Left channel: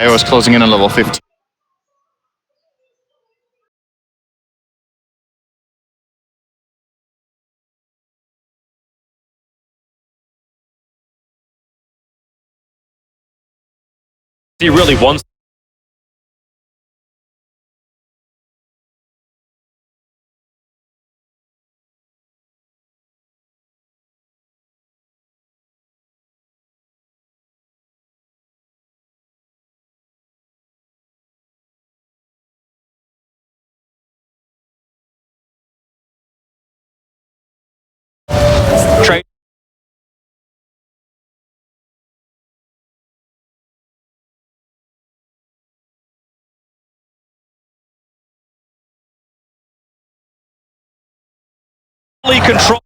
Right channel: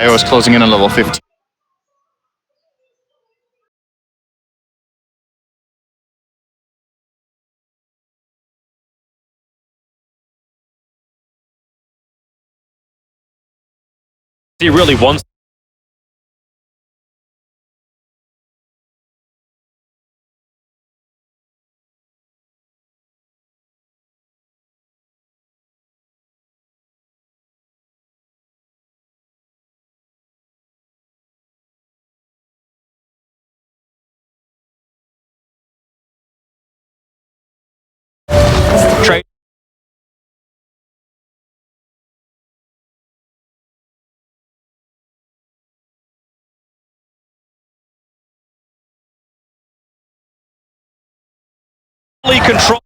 I was closing in on level 15. He really wants. Trade. Control.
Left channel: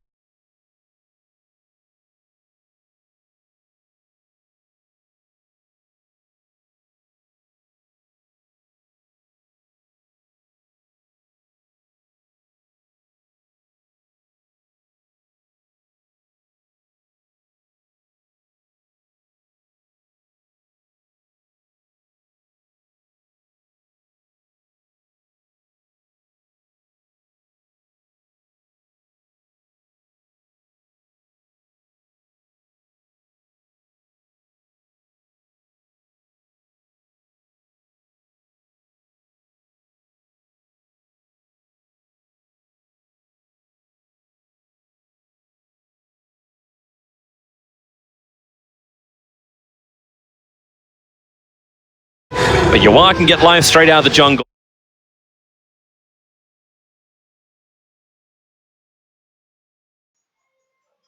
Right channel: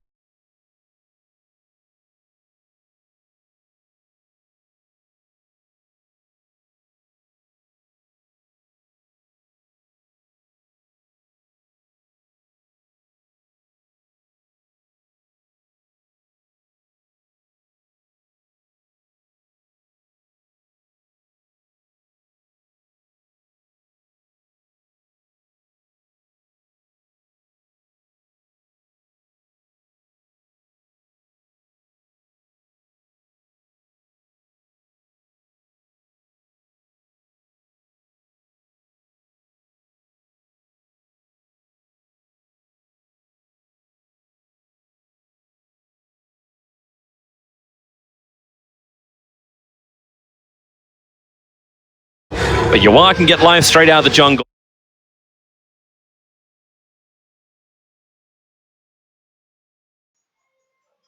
But Yawar can get live straight out of the jungle.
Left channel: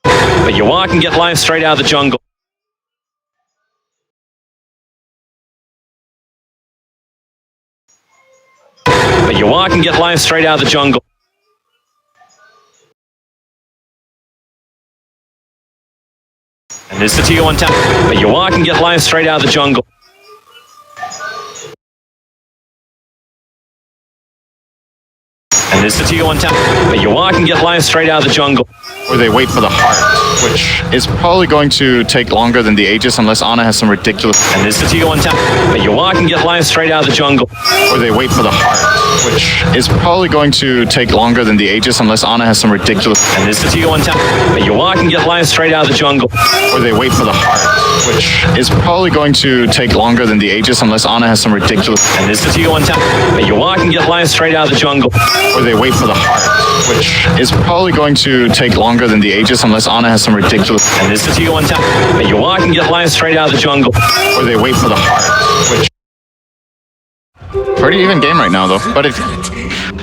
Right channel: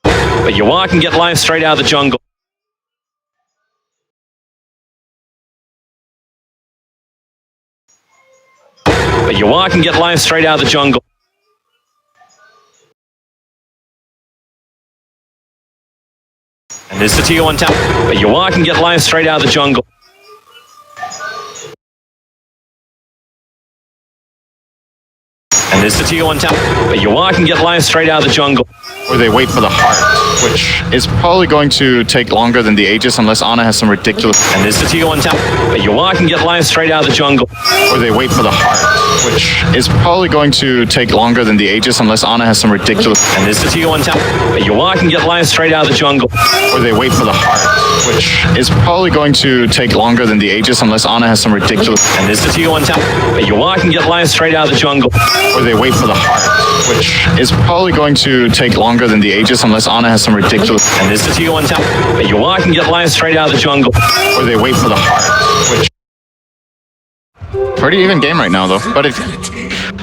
But Yawar can get live straight out of the jungle. But Yawar can get live straight out of the jungle. And there's the tier 1 tower. But Yawar can get live straight out of the jungle. And there's the tier 1 tower. But Yawar can get live straight out of the jungle. Or they wait for the heart, which is probably going to take longer than the Aegis unless Ana has some ridiculous... And there's the tier 1 tower. But Yawar can get live straight out of the jungle. Or they wait for the heart, which is probably going to take longer than the Aegis unless Ana has some ridiculous... And there's the tier 1 tower. But Yawar can get live straight out of the jungle. Or they wait for the heart, which is probably going to take longer than the Aegis unless Ana has some ridiculous... And there's the tier 1 tower. But Yawar can get live straight out of the jungle. Or they wait for the heart, which is probably going to take longer than the Aegis unless Ana has some ridiculous... And there's the tier 1 tower. But Yawar can get live straight out of the jungle. Or they wait for the heart, which... Pretty even game right now, though. But if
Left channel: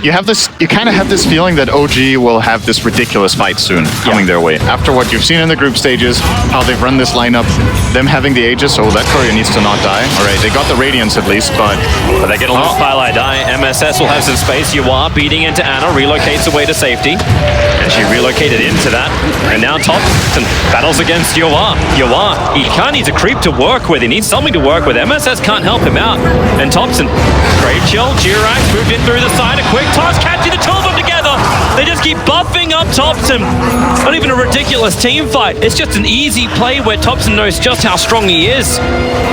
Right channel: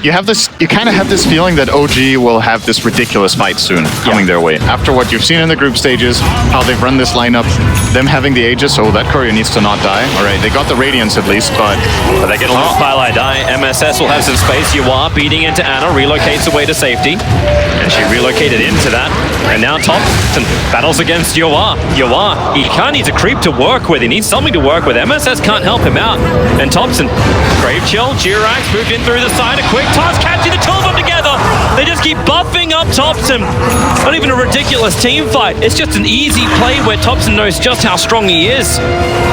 you have this, you kind of have this feeling that OG will have this ridiculous fight soon coming their way. After what you've seen in the group stages, how they've run this lineup, them having the Aegis, so that courier needs to not die. All right, they got the Radiance at least, but they get a little Firelight die. MSS will have some space. Yawar beating into Ana, relocates away to safety. And she relocated into that. And now Thompson battles against Yawar. Yawar, he kind of needs a creep to work with. He needs something to work with. MSS can't help him out. And Thompson, Grave Chill, Jirax moved in through the side. A quick toss, catching the two of them together. They just keep buffing up Thompson. Not even a ridiculous team fight. It's just an easy play where Thompson knows just how strong he is.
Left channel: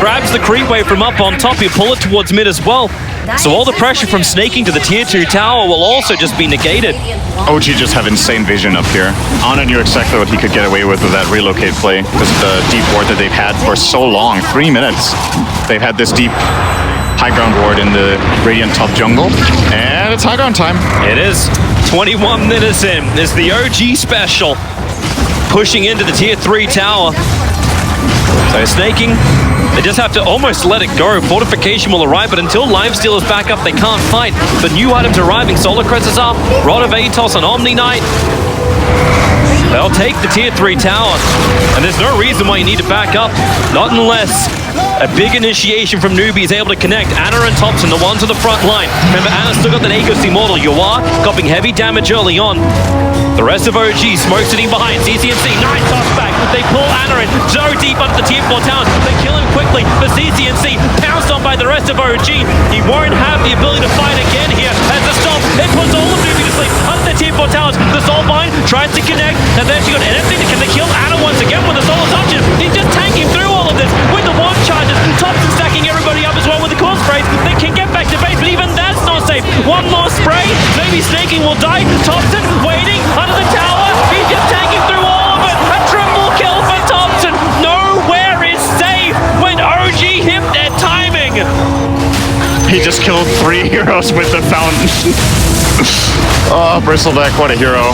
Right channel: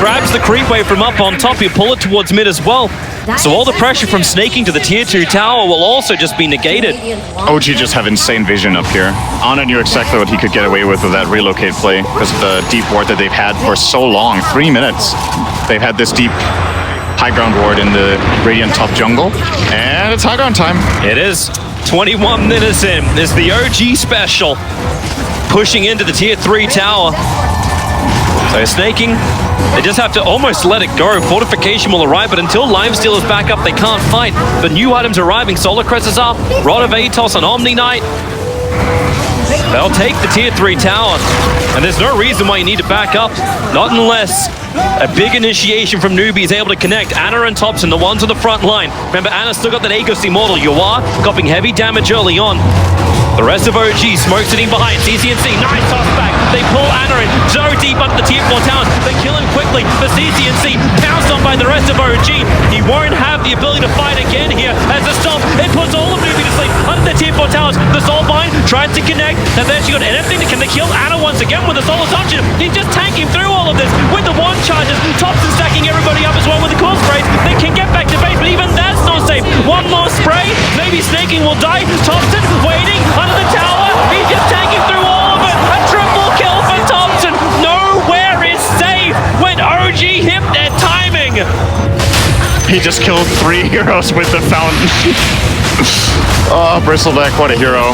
Grabs the creep wave from up on top. He'll pull it towards mid as well. So all the pressure from snaking to the tier 2 tower will also just be negated. OG just have insane vision up here. Ana knew exactly what he could get away with that relocate play because of the deep ward that they've had for so long. 3 minutes. They've had this deep high ground ward in the Radiant top jungle. And it's high ground time. It is. 21 minutes in. It's the OG special. Pushing into the tier 3 tower. So snaking. They just have to almost let it go. Fortification will arrive, but until Lifesteal is back up, they can't fight. But new items arriving. Solar Crest is up. Rod of Atos on Omni Knight. They'll take the tier 3 tower. And there's no reason why you need to back up. Not unless a big initiation from Newbee is able to connect. Ana and Thompson, the ones on the front line. Remember, Ana still got that Aegis Immortal. Yawar copying heavy damage early on. The rest of OG, Smoke sitting behind, CCNC, nice toss back. They pull Ana in, so deep under the tier 4 towers. They kill him quickly, but CCNC pounced on by the rest of OG. He won't have the ability to fight again here as a stop. It puts all of Newbee to sleep under the tier tier 4 towers. The Soulbind tries to connect, and then she got anything to can they kill Anna once again with the Soul Assumption. He's just tanking through all of this with the one charges. Thompson stacking everybody up as well with the core sprays. They can get back to base, but even that's not safe. One more spray, maybe Snaking will die. Thompson waiting under the tower. He's just tanking through all of it. A triple kill for Thompson. Nowhere is safe when OG hit their timing. He just killed 3 heroes with the fountain. Oh, Bristleback, what a hero.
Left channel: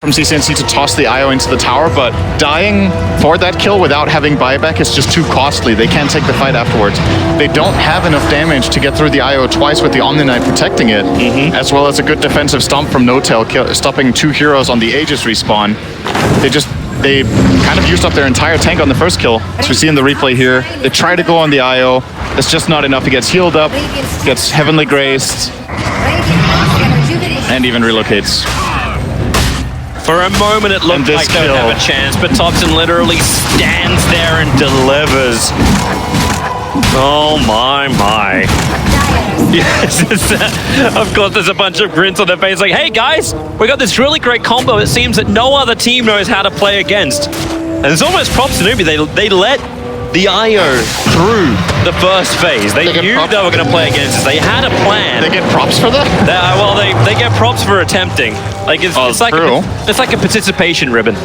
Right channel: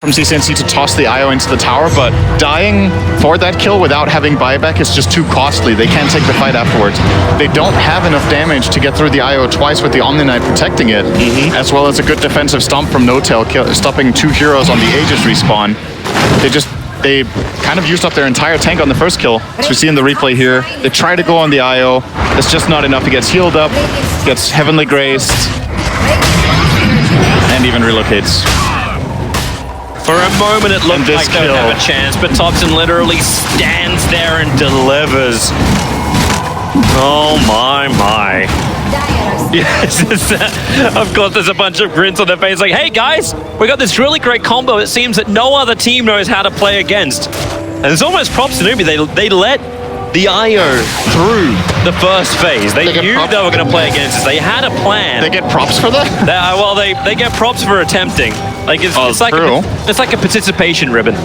From CCNC to toss the IO into the tower, but dying for that kill without having buyback is just too costly. They can't take the fight afterwards. They don't have enough damage to get through the IO twice with the Omni Knight protecting it, as well as a good defensive stomp from No-Tail, stopping 2 heroes on the Aegis respawn. They kind of used up their entire tank on the first kill, as we see in the replay here. They try to go on the IO. It's just not enough. He gets healed up, gets heavenly graced, and even relocates. For a moment it looked like they would have a chance, but Thompson literally stands there and delivers. Oh my. Yes, of course there's a bunch of grins on their face like, hey guys, we got this really great combo it seems that no other team knows how to play against. And it's almost props to Newbee, they let the IO through the first phase. They knew they were going to play against us. They had a plan. They get props for that? Well, they get props for attempting. Like it's like a participation ribbon.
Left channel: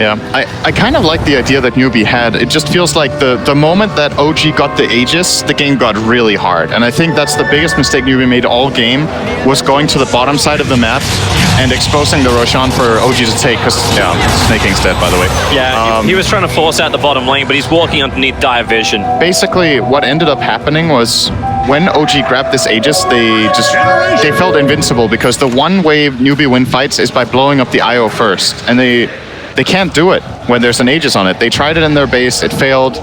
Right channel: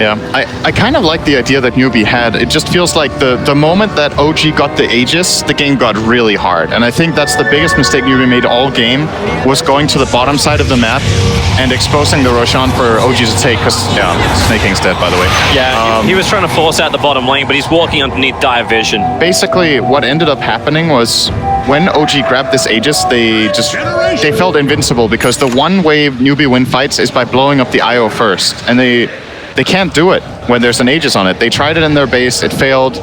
Yeah, I kind of like the idea that Newbee had. It just feels like the moment that OG got the Aegis, the game got really hard. And I think that's the biggest mistake Newbee made all game, was going to the bottom side of the map and exposing the Roshan for OG to take, because, yeah, Snaking's dead, by the way. Yeah, he was trying to force out the bottom lane, but he's walking underneath dire vision. Basically, what ended up happening was when OG grabbed this Aegis, they felt invincible, because the one way Newbee win fights is by blowing up the IO first. And they can't do it when there's an Aegis on it. They tried it in their base, it failed,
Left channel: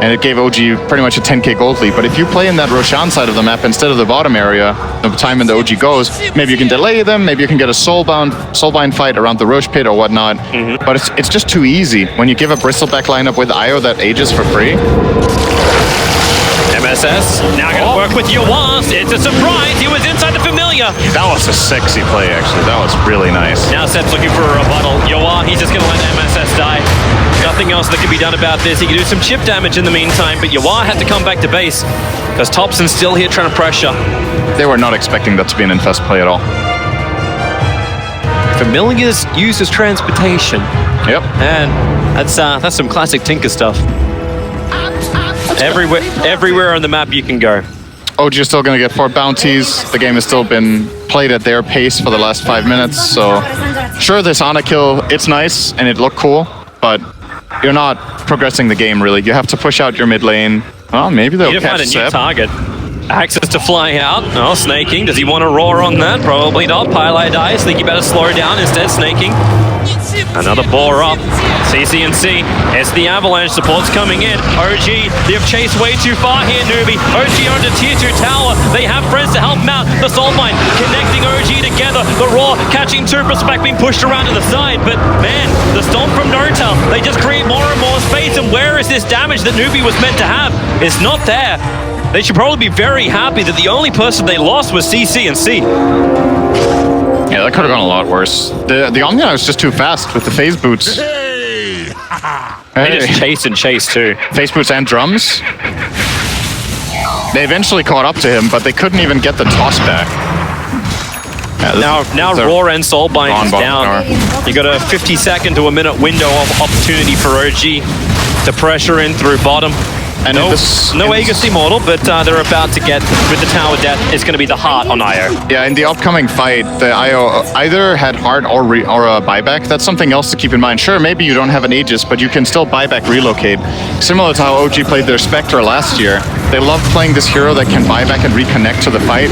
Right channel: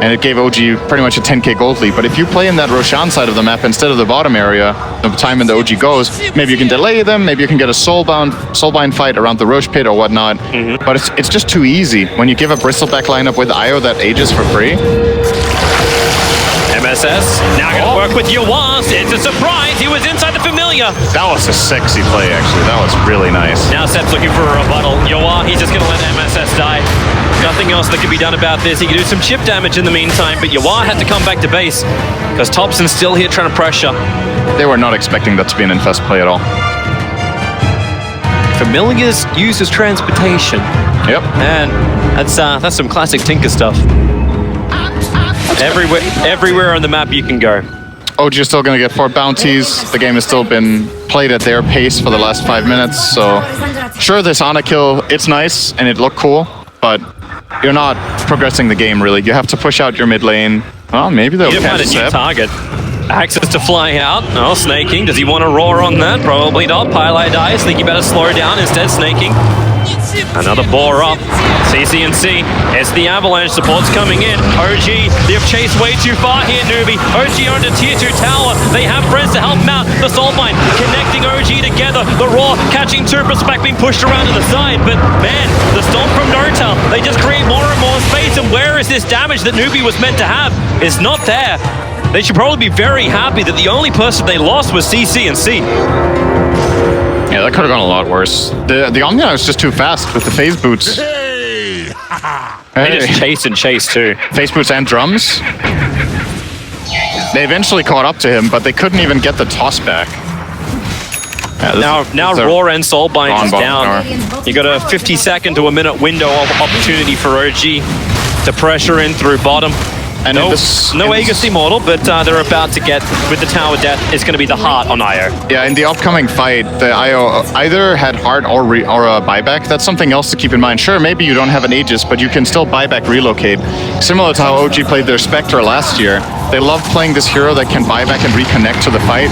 and it gave OG pretty much a 10k gold lead. But if you play in that Roshan side of the map instead of the bottom area, the time when the OG goes, maybe you can delay them, maybe you can get a soulbind fight around the Roche pit or whatnot. But it's just too easy when you give a Bristleback lineup with IO that Aegis for free. MSS now gonna work with Yawaz. It's a surprise. He was inside the familiar. That was a sexy play, actually. That was really nice. Now Sep's looking for a rebuttal. Yawaz, he's just gonna let MSS die. Nothing else that can be done about this. He can do some chip damage in the meantime, but Yawaz had to come back to base because Thompson's still here trying to pressure. They were not expecting that to be an infest play at all. Familiars used as transportation. Yep. And that's some classic Tinker stuff. Everywhere on the map you can go. OG is still going to get 4 bounties. The game has still been played at their pace for the last 5 minutes, so sure, this Ana kill, it's nice and it looked cool, but you're not progressing the game really. You have to push out your mid lane. Well, maybe they'll catch a new Sep. target. Access to fly out. Oh, Snaking. Does he want to roar on that? Probably not. Pylai dies. Think he better slow down. Instead, Snaking. Another boar up. CCNC. It's the Avalanche. Support's coming in. OG, they've chased way too far here, Newbee. OG owned a tier 2 tower. They have friends to help them out. The Soulbind connecting OG together. The Roar catching 2. Respect being pushed around to the side. But man, the Stomp from No-Tail, they just create more and more space. And where is this damage that Newbee was meant to have? It's not there. They should probably be very happy that the only person they lost was CCNC. Yeah, that could have gone a lot worse. The Omnia was just too fast with the phase boots. They just chase and chase too. Phase boots and drums. They eventually caught up to him, but they couldn't even get the toss back. Yeah, now Roar and Soulbind is down. You got a 50-second to a minute window of opportunity for OG to pressure in through bottom. And no Aegis Immortal, but they're about to get, with the Tower Death, it's going to be the Heart on IO. Yeah, in the upcoming fight, the IO either had Heart or a buyback. That's something else to keep in mind. Sure, maybe you don't have an Aegis, but you can still buyback relocate. Similar to how OG played their Spectre last year. They love playing this hero that can buyback and reconnect to the fight.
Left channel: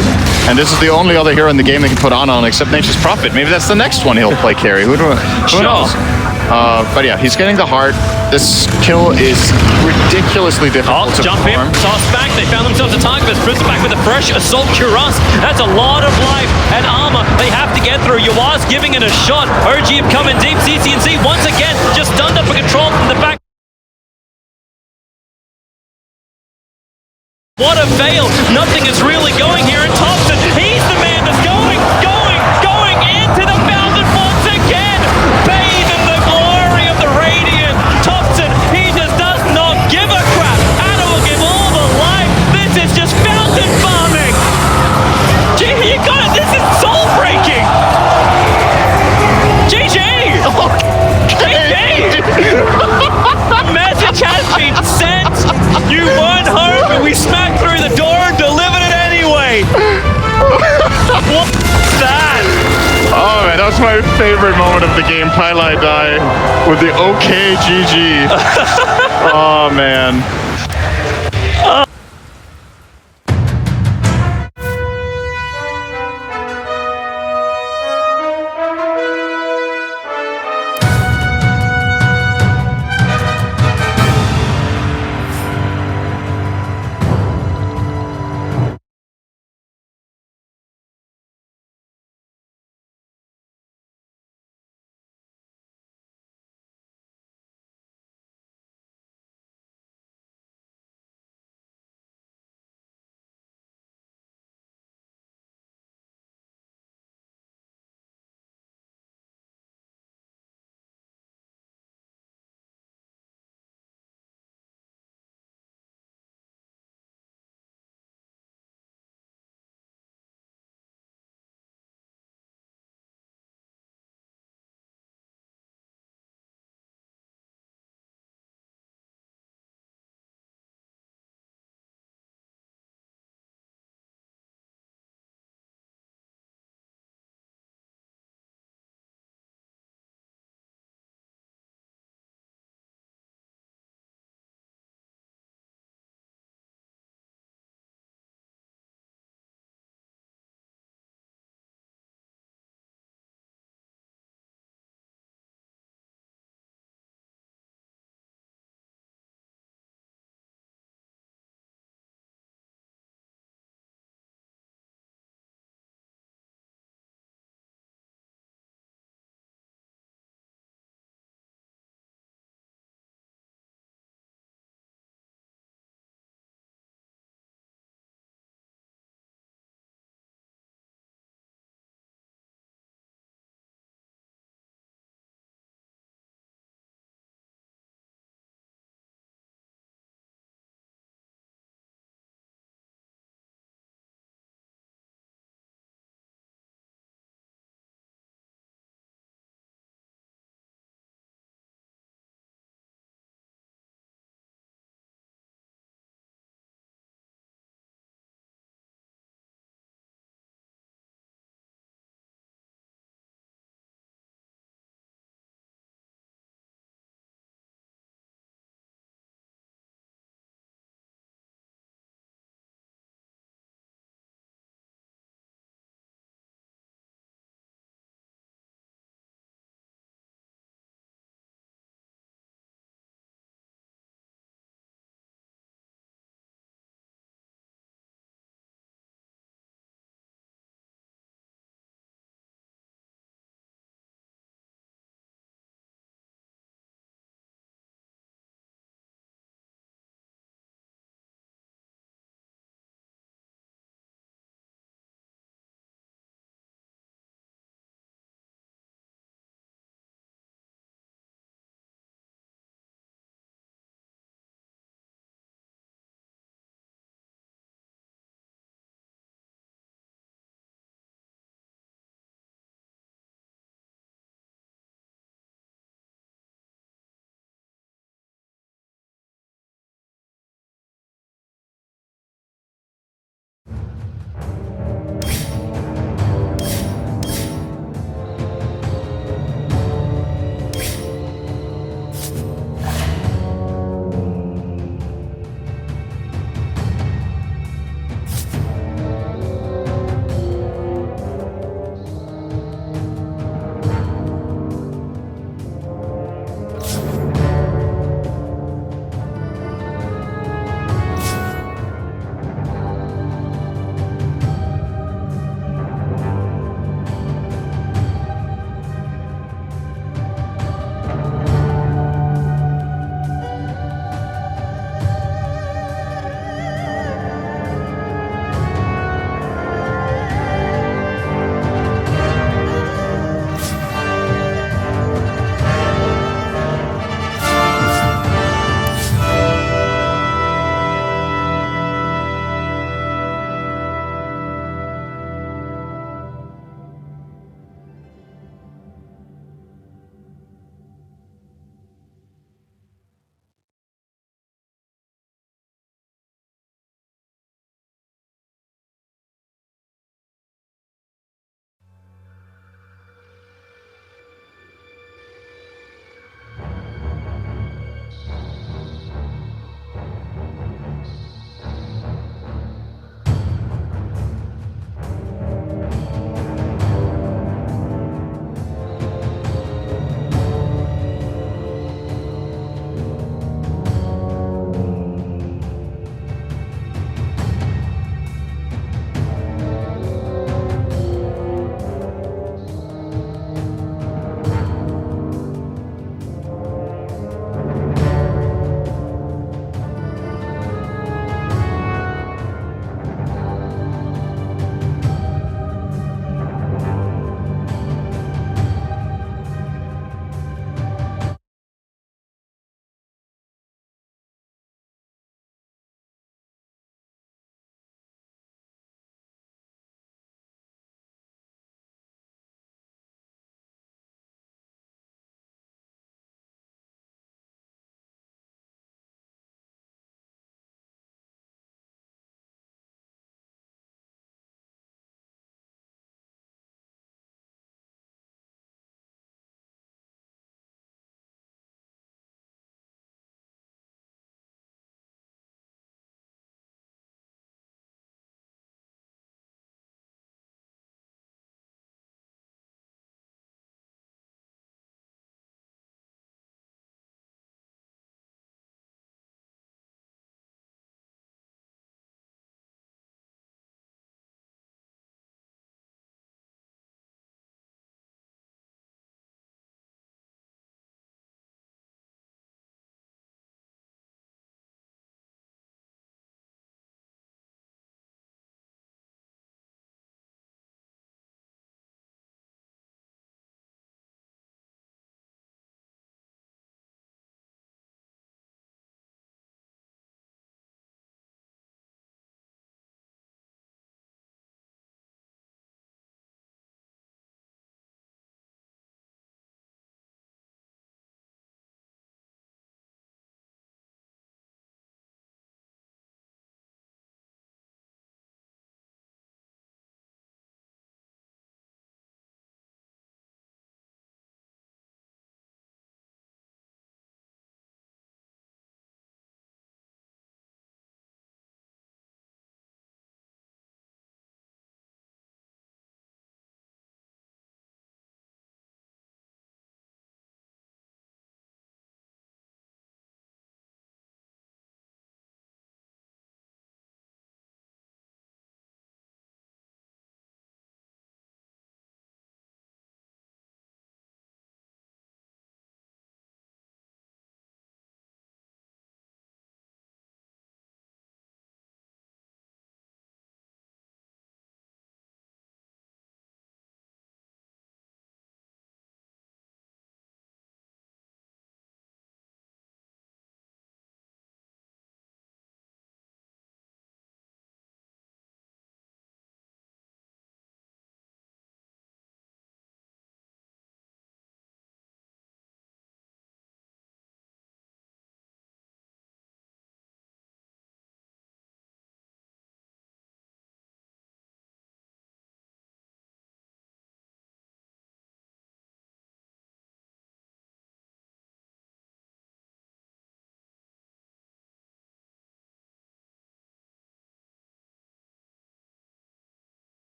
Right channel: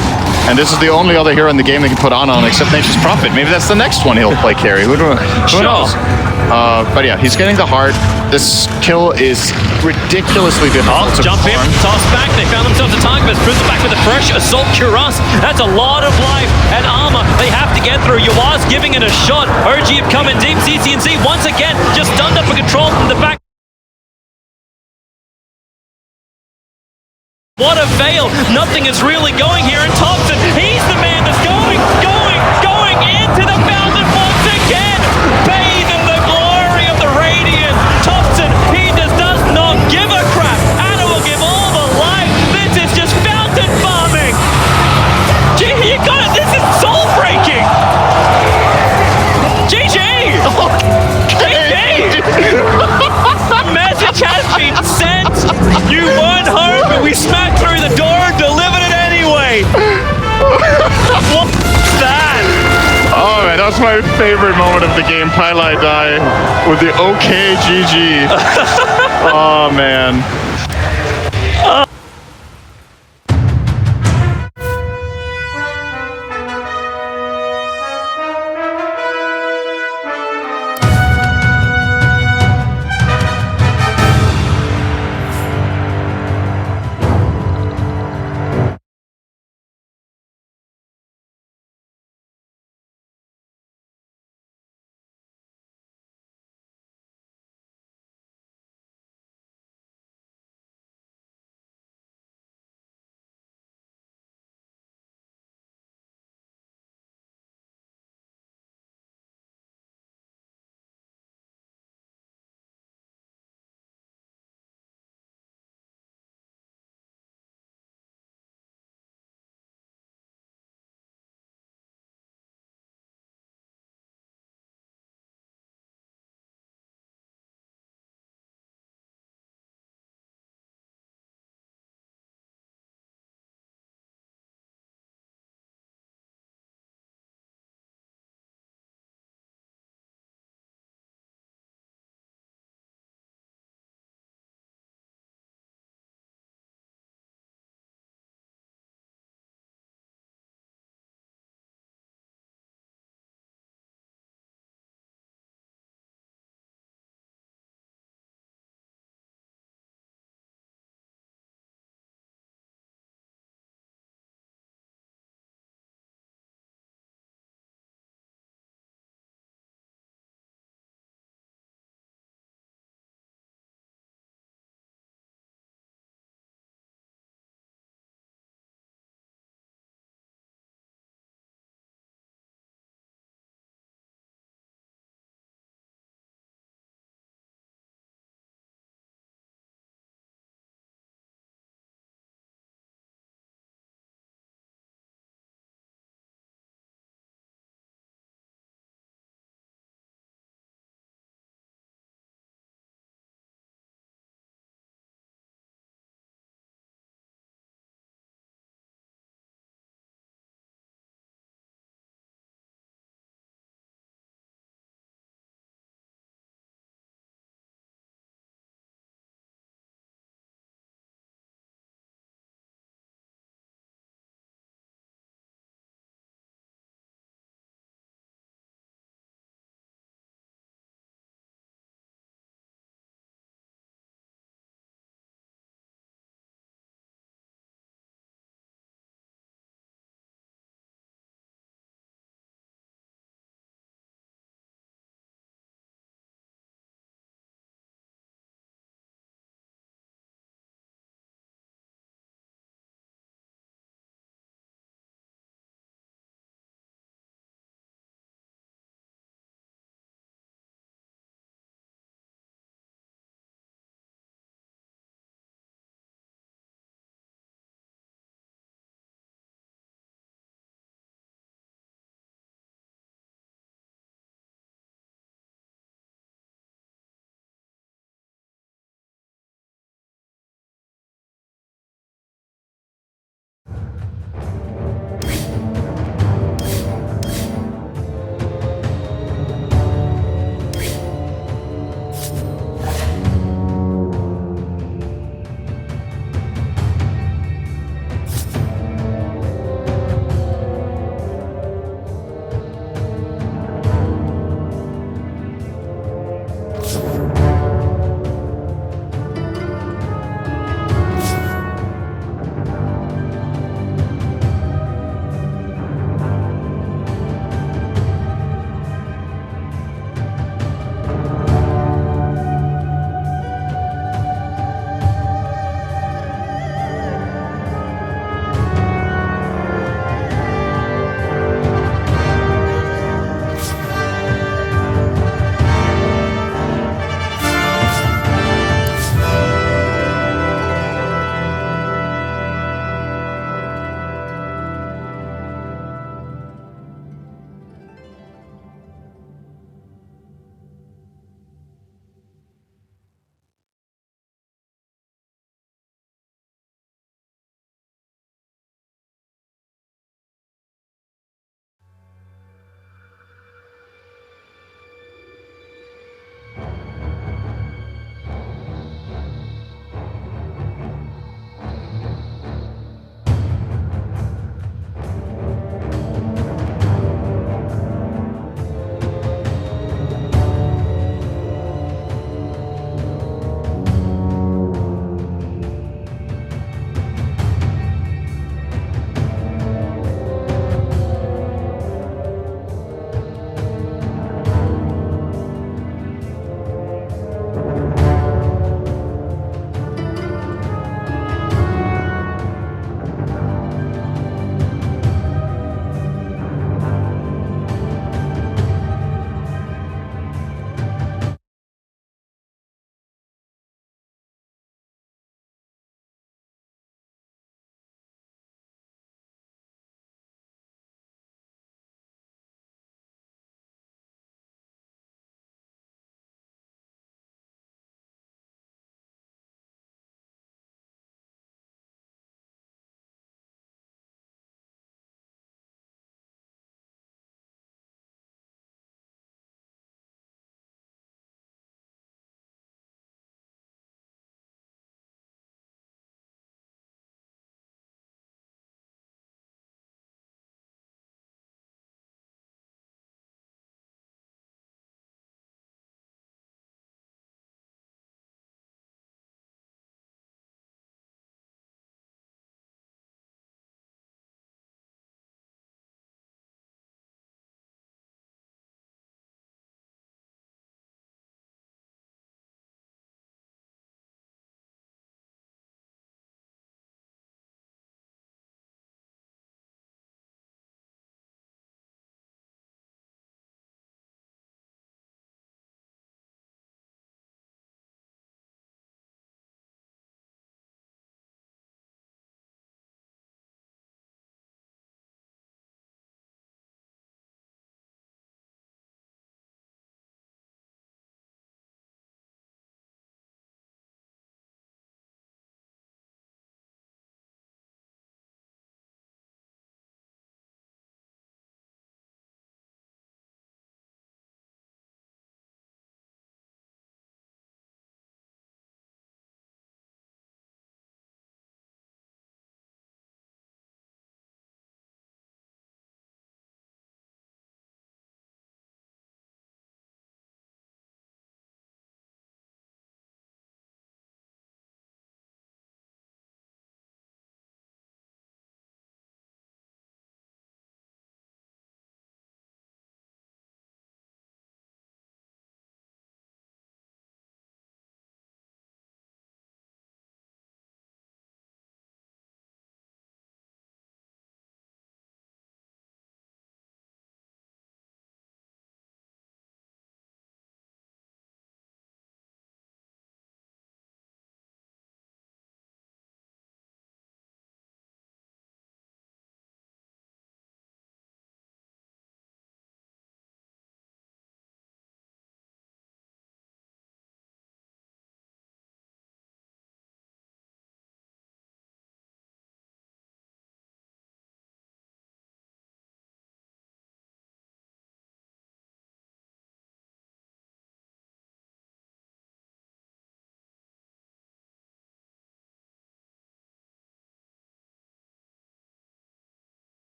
And this is the only other hero in the game they can put on except Nature's Prophet. Maybe that's the next one he'll play carry. Who knows? But yeah, he's getting the Heart. This kill is ridiculously difficult to jump perform. in, toss back. They found themselves a target, but Bristol back with a fresh Assault Cuirass. That's a lot of life and armor they have to get through. Yawaz giving it a shot. OG have come in deep. CCNC once again just stunned up for control from the back. What a fail. Nothing is really going here. And Thompson, he's the man that's going into the fountain once again. Bathe in the glory of the Radiant. Thompson, he just does not give a crap. Anna will give all the life. This is just fountain farming. Gee, you got it. This is soul breaking. GG. GG. Message has been sent. You weren't home, but we smacked through the door and delivered it anyway. What's that? Oh man, that was my favorite moment of the game. Pylai die with the OK GG. Oh man.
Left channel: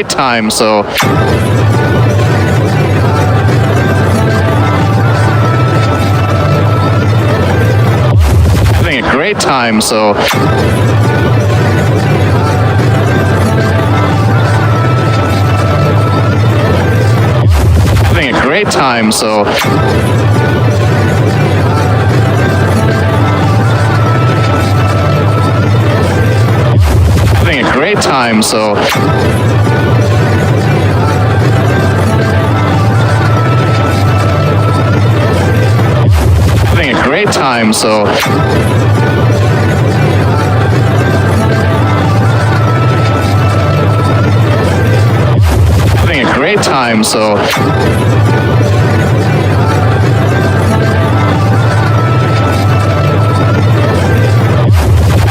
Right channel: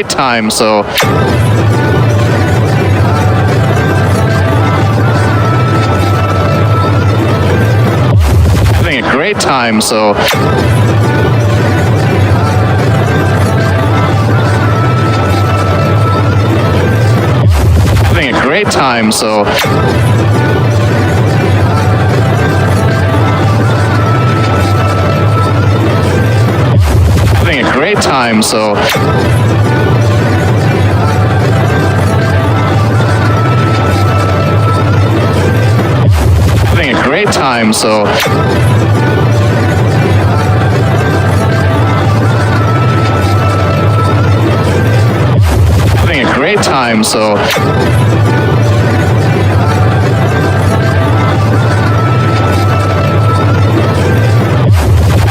great time, so... Having a great time, so... Having a great time, so... Having a great time, so... Having a great time, so... Having a great time, so...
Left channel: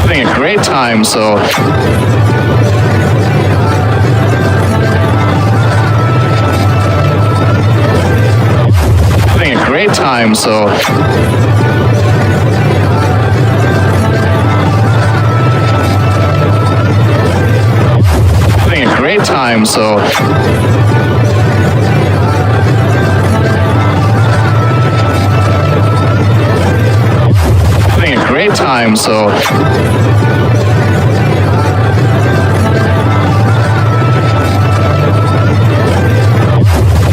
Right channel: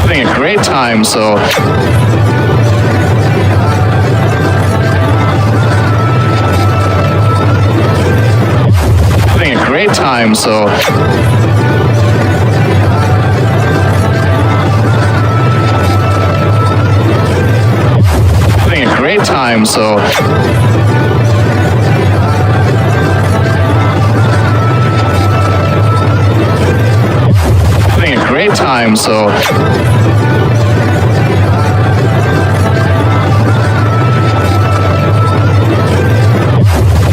Having a great time, so... Having a great time, so... Having a great time, so... Having a great time, so...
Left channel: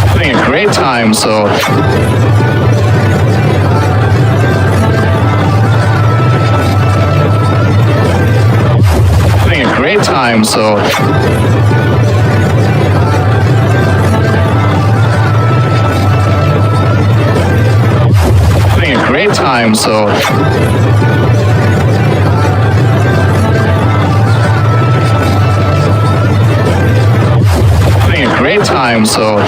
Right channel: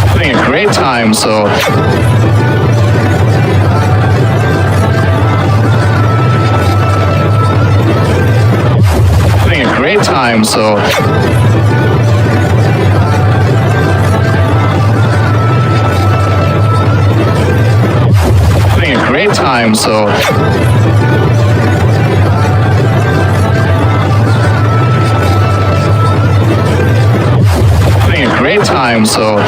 Having a great time, so... Having a great time, so... Having a great time, so... Having a great time, so...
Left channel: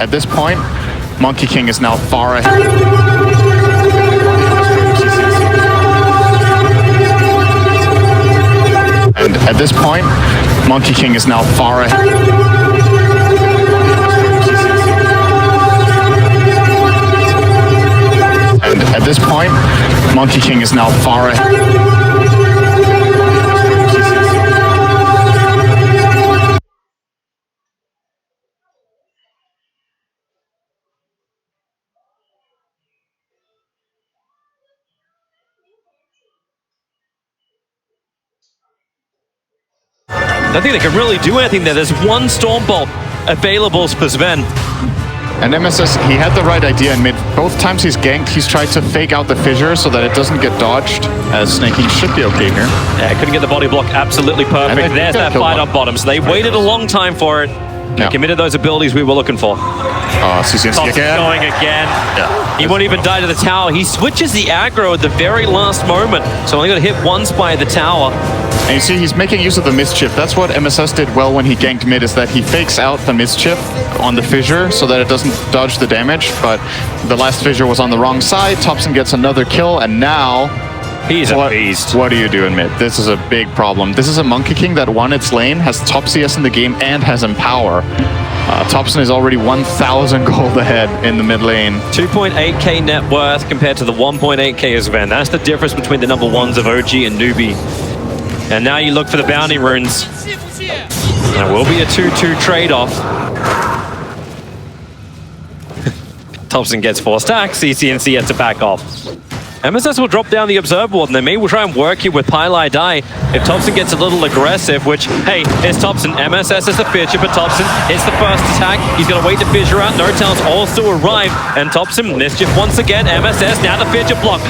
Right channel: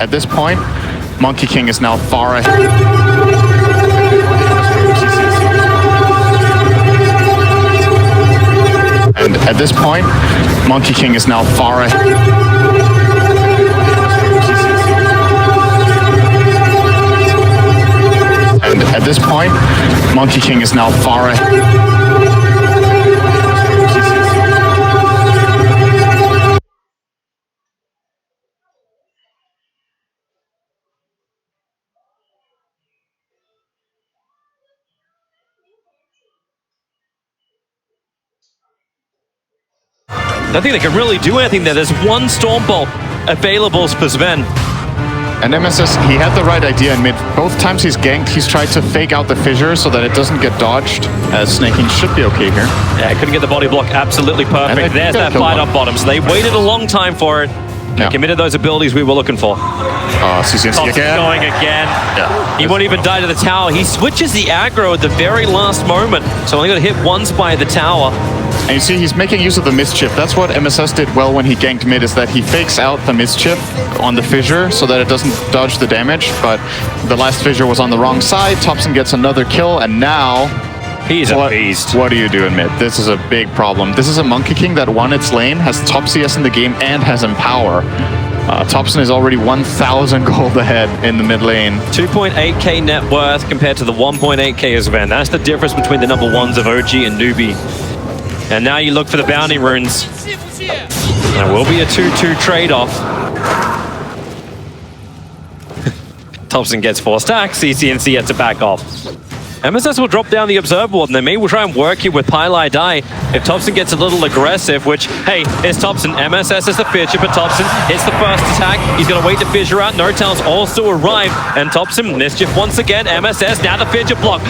At this point, Monkey King is now far ahead. And at this point, Monkey King is now far ahead. And at this point, Monkey King is now far ahead. don't think they can really do anything there. There's one Storm Bolt available for Sven. And MSS, he had the right idea in mid. Both times he's ganked, he's tried to fake out the fissure so that it doesn't get dodged, as Snaking should be okay here. Yeah, couldn't get the body block absolutely perfect. There's that fight up bottom. So they waited a long time for it. They committed those abilities we were looking for. CCNC again. Going again. Yeah. He won't even die to the tower. He switches the aggro at the very last moment. So only got to hit once by the tower. And you see, he's making use of the mischief. That's what MSS did well when he ganked mid, is that he fakes out the mischief on the fissure so that it doesn't dodge the damage. But the last fissure was on the wrong side. Thompson gets another kill, and now... He's a beast. What do you do in mid? This is a big problem. This is a Monkey King that won its lane, has top CS in the game, and has Empower. Thompson is already 1,000 gold ahead in the mid lane. 2.8k net worth compared to the 1.8k of Sven. That's the difference between the number ones of OG and Newbee. And now you look for the bounty runes. There will be a 2-2 trade-off. Thompson gets 4 stacks, CCNC has to back off. MSS will drop down the Observer Ward, and they may try and work it with Pylai Die. If Thompson gets a little aggressive, which, hey, it's Thompson. MSS is the fissure, but Thompson hits the first attack. He's going to wait to fissure out. Notel's also arrived, and Thompson, mischief once again. MSS, now the fissure block.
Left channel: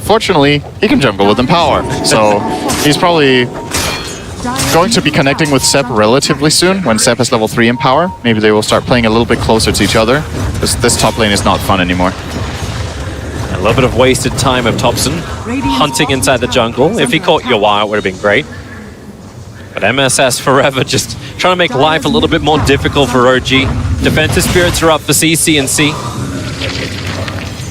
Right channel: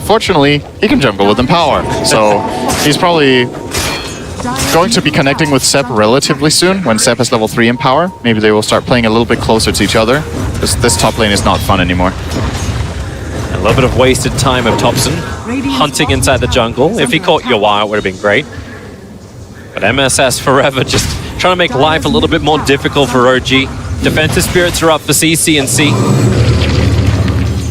Fortunately, he can jungle with Empower, so he's probably going to be connecting with Sep relatively soon when Sep has level 3 Empower. Maybe they will start playing a little bit closer to each other. This top lane is not fun anymore. A little bit of wasted time of Thompson hunting inside the jungle. If he caught Yawar, it would have been great. But MSS forever just trying to make life a little bit more difficult for OG. Defensive spirits are up for CCNC.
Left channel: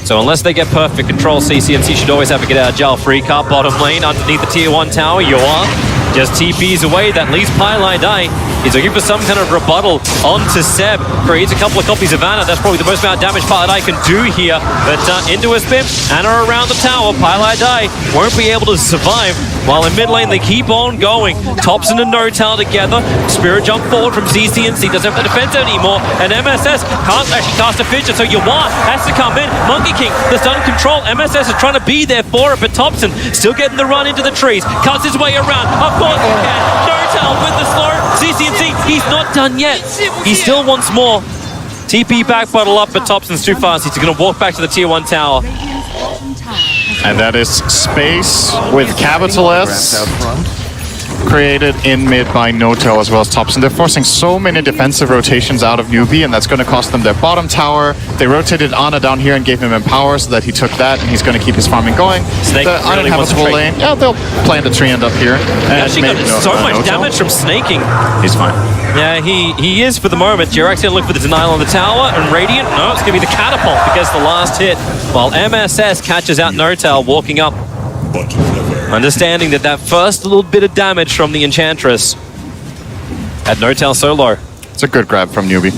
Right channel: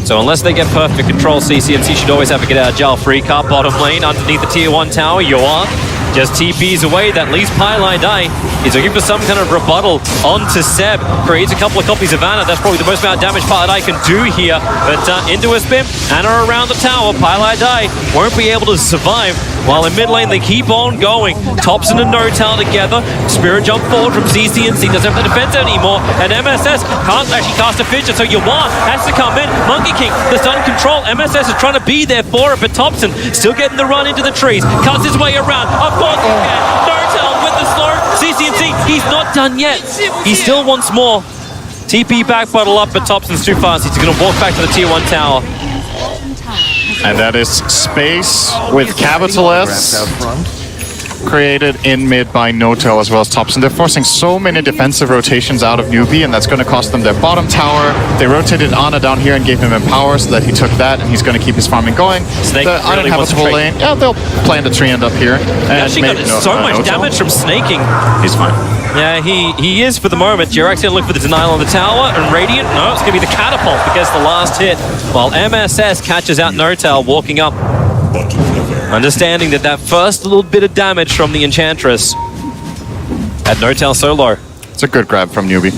So unless they get perfect control, CCNC should always have a get out of jail free card. Bottom lane underneath the tier 1 tower, Yawar just TPs away. That leaves Pylai Die. He's looking for some kind of rebuttal onto Seb. Creates a couple of copies of Anna. That's probably the most amount of damage Pylai Die can do here. But into a spin, Anna around the tower. Pylai Die won't be able to survive. While in mid lane, they keep on going. Thompson and Notel together. Spirit jump forward from CCNC. Doesn't have the defense anymore. And MSS can't actually cast a fissure, so Yawar has to come in. Monkey King, the stun control. MSS is trying to be there for it, but Thompson still getting the run into the trees. Cuts his way around. Of course he can. Notel with the slow. CCNC, he's not done yet. He still wants more. TP back, bottle up, but Thompson's too fast. He's going to walk back to the tier 1 tower. And that is space with capital S created in mid by Notel as well as Thompson. They're forcing so many defensive rotations out of Newbee, and that's going to cost them their bottom tower. They rotated Ana down here and gave him Empower so that he took that, and he's going to keep his farming going. Snake the really uninhabitable lane, yeah, they'll plant a tree end up here. And actually got so much damage from snaking. He's fine. Yeah, he is for the moment. Jirax's going to look for the denial on the tower, and Radiant, no, it's going to be the catapult because the last hit, while MSS catches out Notel walking up. Understanding that first little bit of damage from the Enchantress had Notel solo. It's a good grab from Newbee.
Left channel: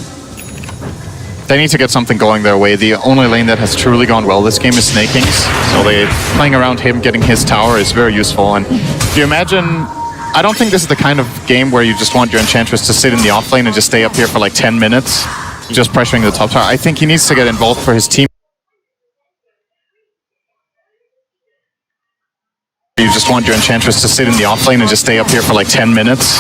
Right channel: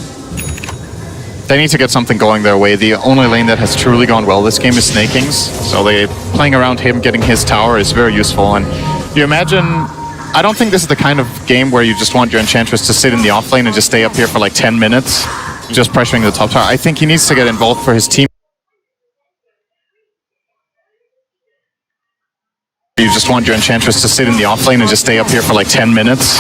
They need to get something going their way. The only lane that has truly gone well this game is Snaking's, so they playing around him, getting his tower is very useful. And do you imagine... I don't think this is the kind of game where you just want your Enchantress to sit in the off lane and just stay up here for like 10 minutes, just pressuring the top tower. I think he needs to get involved for his team. You just want your Enchantress to sit in the off lane and just stay up here for like 10 minutes.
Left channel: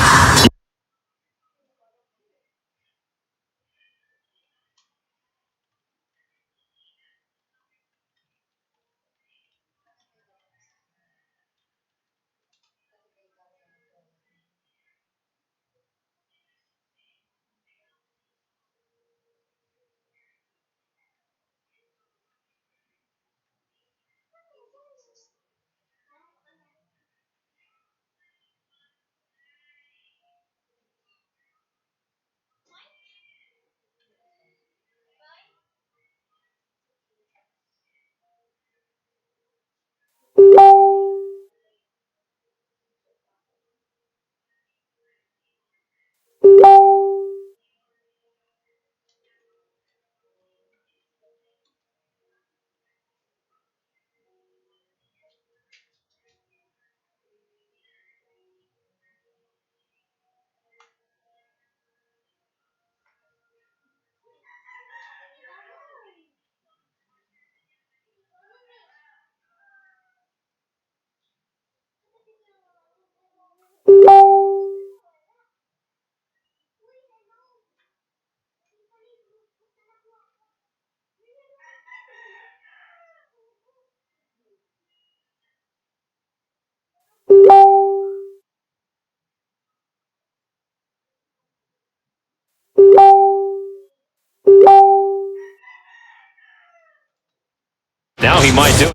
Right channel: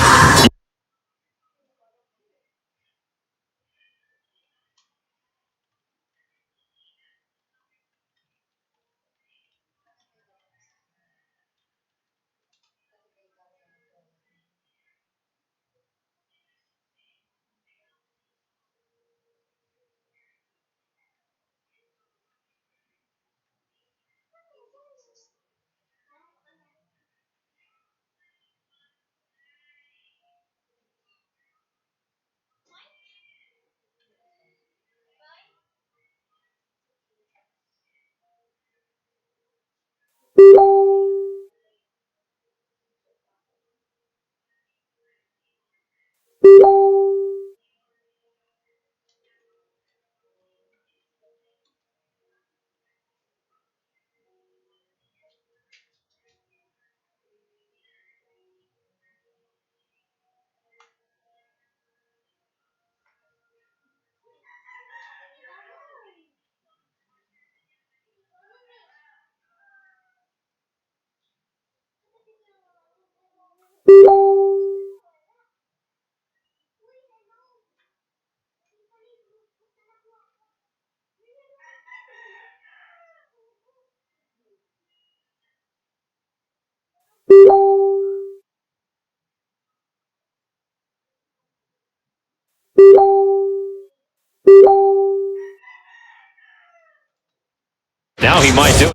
Now he might do it.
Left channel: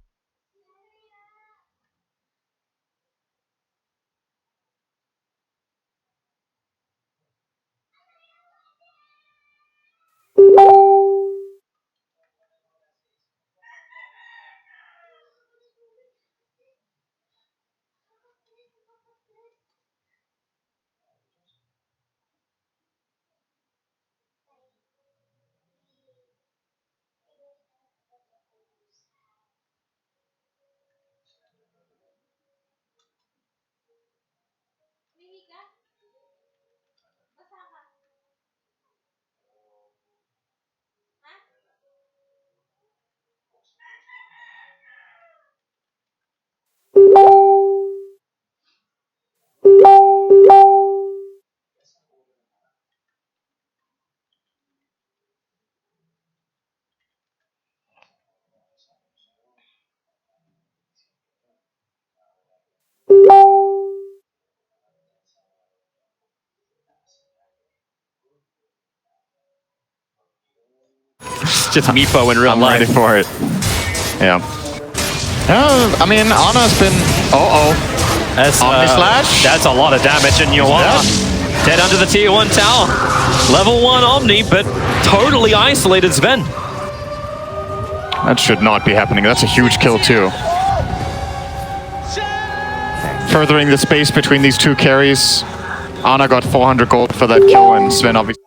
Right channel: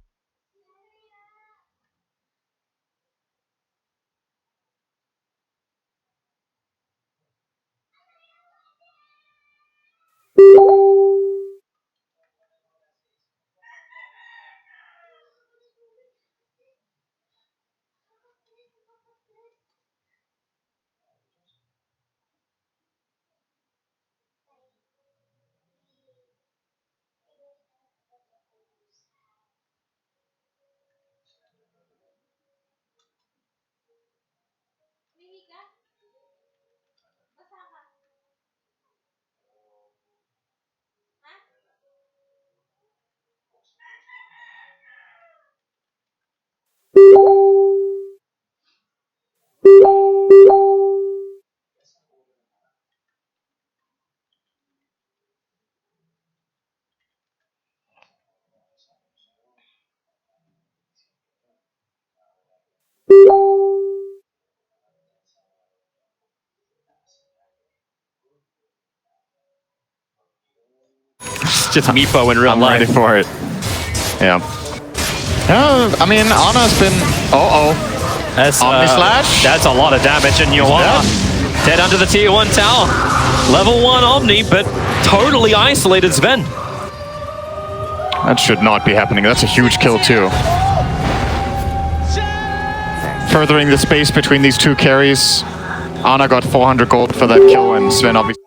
It's just Meepo in real I'm life. ready for it. Yeah. I mean, Ana's been... That's, Omni Slash? That's a lot of damage, and Joanna dead under the tier 1 tower. Level 1 Omni, but totally isolated Sven. That should not be happening. That's a huge kill, too. Furthering the space between these two carries. Ana got 400 gold for that kill, and Sven obviously...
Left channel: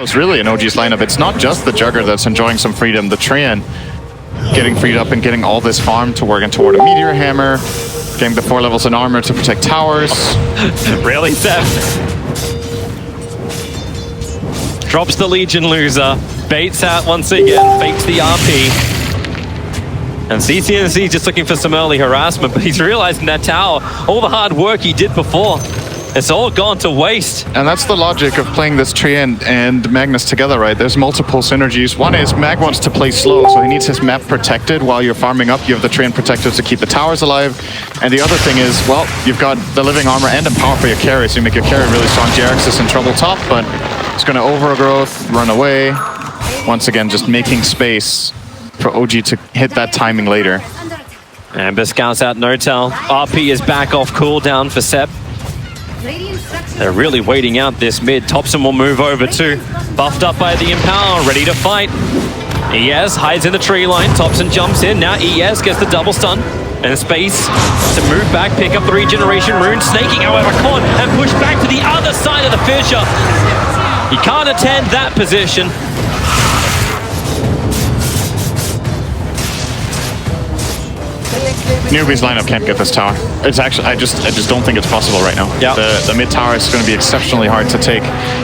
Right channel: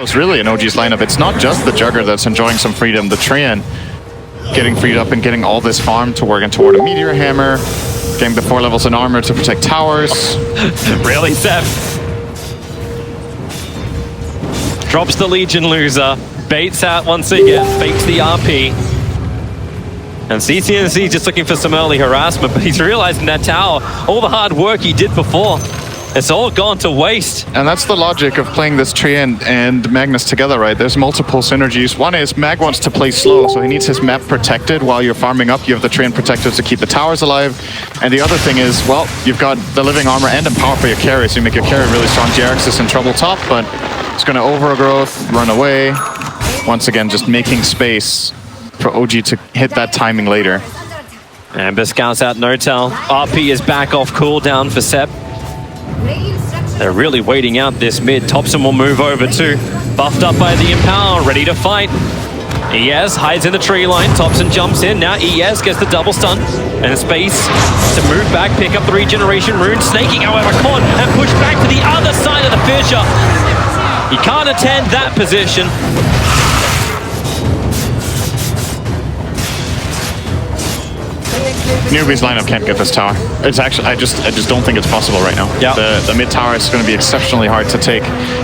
It's really an OG's lineup. It's not just the Jugger that's enjoying some freedom. The Treant getting freed up and getting all this farm to working toward a Meteor Hammer, getting the 4 levels in armor to protect towers. Really, Seth? Drops the Legion loser, baits out once again, fakes the RP. And CCNC just looking for some early harassment, but he's realizing that tower, all the hard work he did before, it's all gone to waste. And that's the logic of playing this Treant and Magnus together, right? There's multiple synergies. One is Mag wants to play slow, so he needs his map protected while you're farming up. You have the Treant protected to keep the towers alive. And the other thing is, well, you've got the living armor and empower for your carry, so you make your carry really strong. JRX is in trouble top, but it's going to overgrowth, run away. Once again, just making space for OG to hit that timing later. And scouts out Notel. RP is back off cooldown for Seb. Radiant structure They're really waiting out this mid. Topson will move over too. Buffed up by the Empower, ready to fight. ES hides in the tree line. Topson jumps in. Now ES gets the double stun. And space to move back, pick up the regeneration rune. Snaking, however, caught and pushed back to the other side of the fissure. He can't attend that position. Newbee's lineup can't get this tower. It's actually, I just don't think it's possible right now. Yeah. The mid tower is going to be exceptionally hard to take.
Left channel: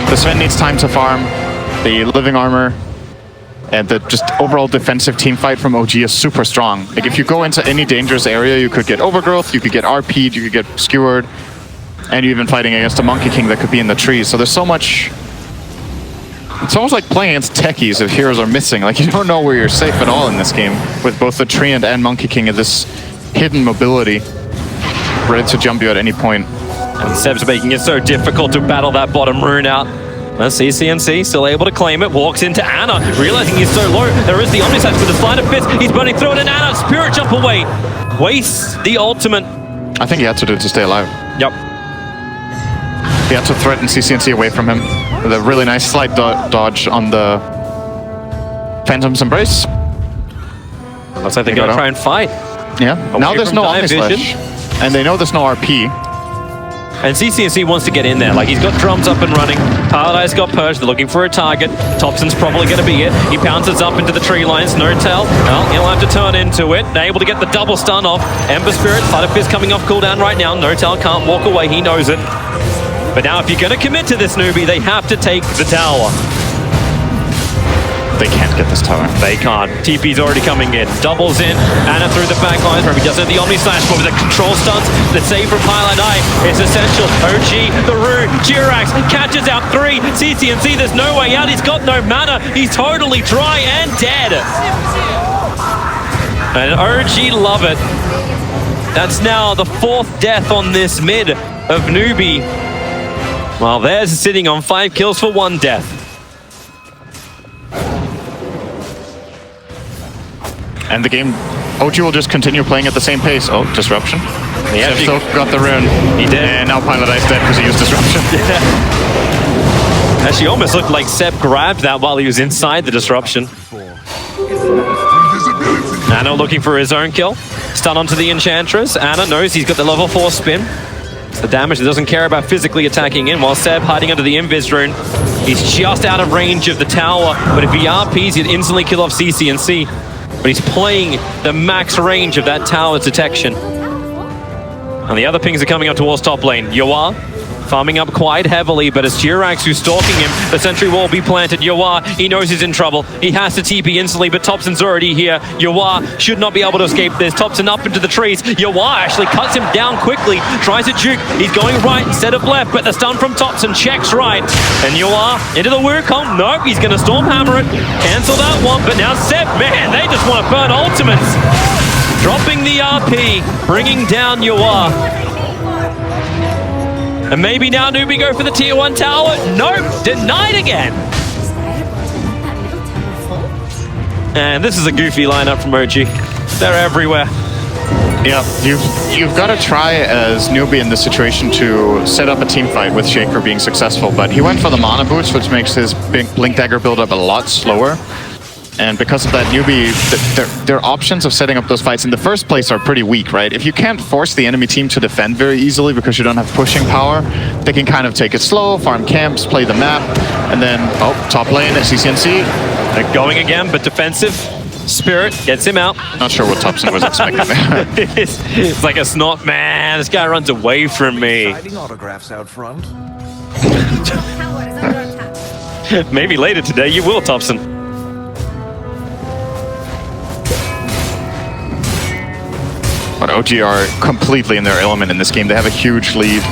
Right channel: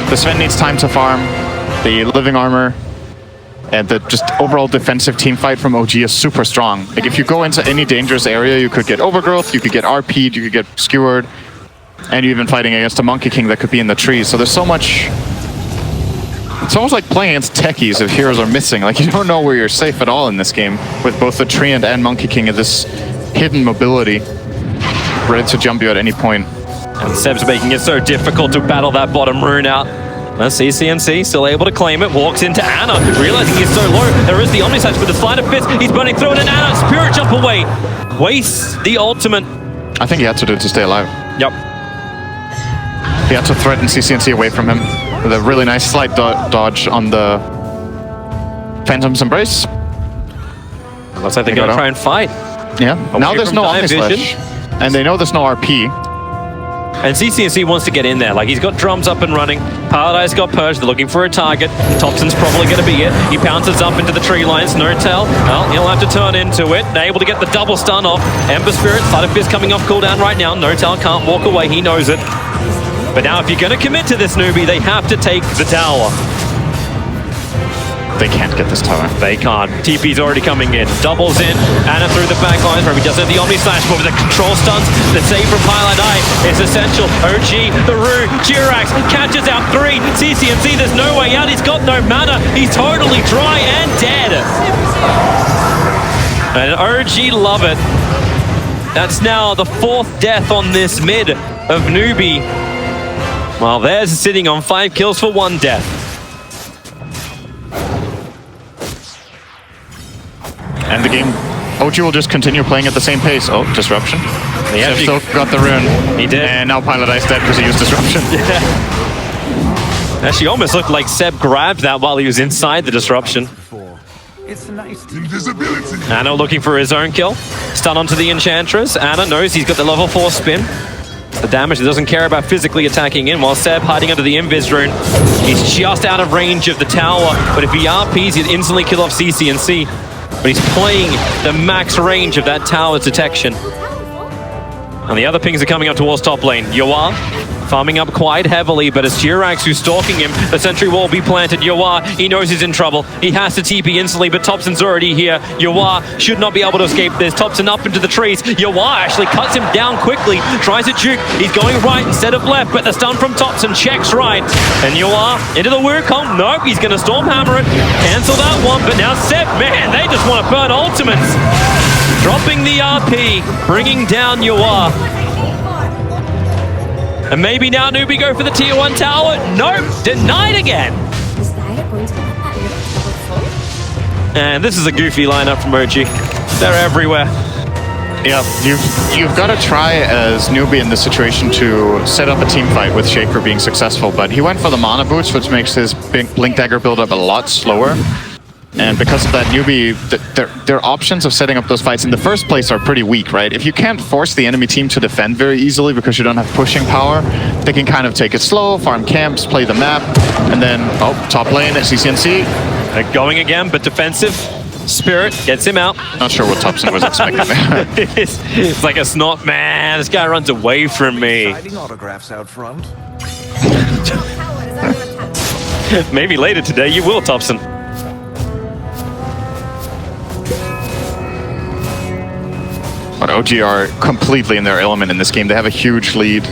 The Sven needs time to farm. The living armor and the just overall defensive team fight from OG is super strong. Like if you go into any dangerous area, you could get overgrowth, you could get RP'd, you could get skewered, and you're even fighting against a Monkey King that could be in the trees. So there's so much. It's almost like playing against techies if heroes are missing. Like you don't know where you're safe at all in this game with both the Treant and Monkey King and this hidden mobility ready to jump you at any point. And Seb's making it so difficult to battle that bottom rune out. Let's see, CNC still able to claim it. Walks into Ana, realizing he's so low. There is the Omnislash with the Sleight of Fist. He's burning through it, and Ana, Spirit Jump away. Wastes the ultimate. I think he had to do it to stay alive. Yep. He had to threaten CCNC away from him with a really nice slight dodge on the Phantom's Embrace. Looks like they're going to try and fight. Yeah. Now there's no Omnislash. And they know there's no RP. And CCNC wants to get in there. Like, he's got drums up and running. Paradise got purged. They're looking for a target. Topson's probably going to be it. He pounces up into the tree lines. No tell. Well, he'll have to turn into it. Able to get the double stun off. Ember Spirit, Sleight of Fist coming off cooldown right now. No tell can't walk away. He knows it. But now if you're going to commit to this Newbie, they have to take the tower. They can't get this tower. They can't. TP's already coming in. Doubles in. Ana through the back lines. Where he doesn't have the Omnislash, but with the control stuns, the save from Highlight Eye is essential. OG, the rune, Jirax catches out 3. CCNC, there's no way out. He's got no mana. He's totally dry and dead. And OG love it. That's now the 4th death on this mid of Newbee. While theirs is sitting on 5 kills for 1 death. And the game, OG will just continue playing at the same pace. Oh, Disruption. Yeah, Seb still got the rune. He did. And now Pilot Ice dead because he used Disruption. Yeah. Actually, almost looked like Seb grabbed that while he was inside the Disruption. Ana looking for his own kill. Stun onto the Enchantress. Ana knows he's got the level 4 spin. It's the damage that doesn't care about physically attacking in, while Seb hiding under the Invis rune. He's just out of range of the tower, but if he RPs, he'd instantly kill off CCNC. But he's playing the max range of that tower's detection. And the other pings are coming up towards top lane. Yoa farming up quite heavily, but it's Jirax who's stalking him. The sentry wall be planted. Yoa, he knows he's in trouble. He has to TP instantly, but Topson's already here. Yoa should not be able to escape this. Topson up into the trees. Yoa actually cuts him down quickly. Tries to juke. He's going right instead of left, but the stun from Topson checks right. And Yoa into the Wukong. Nope, he's going to Stormhammer it. Cancel that one, but now Seb, man, they just want to burn ultimates. Dropping the RP, bringing down Yoa. And maybe now Newbee go for the tier 1 tower. Nope, denied again. And this is a goofy lineup from OG. They're everywhere. Yeah, you've got to try as Newbee in this situation to set up a team fight with Shaker being successful, but he went for the mana boots, which makes his Blink Dagger build up a lot slower. And because of that, Newbee, their options of setting up those fights in the first place are pretty weak, right? If you can't force the enemy team to defend very easily because you don't have pushing power, they can kind of take it slow, farm camps, play the map, and then, oh, top lane at CCNC. They're going again, but defensive. Spirit gets him out. Not sure what Topson was expecting. It's like a snot, man. This guy runs away from me. Autographs out front. Maybe later today you will, Topson. But OG are completely in their element in this game. They have a huge lead.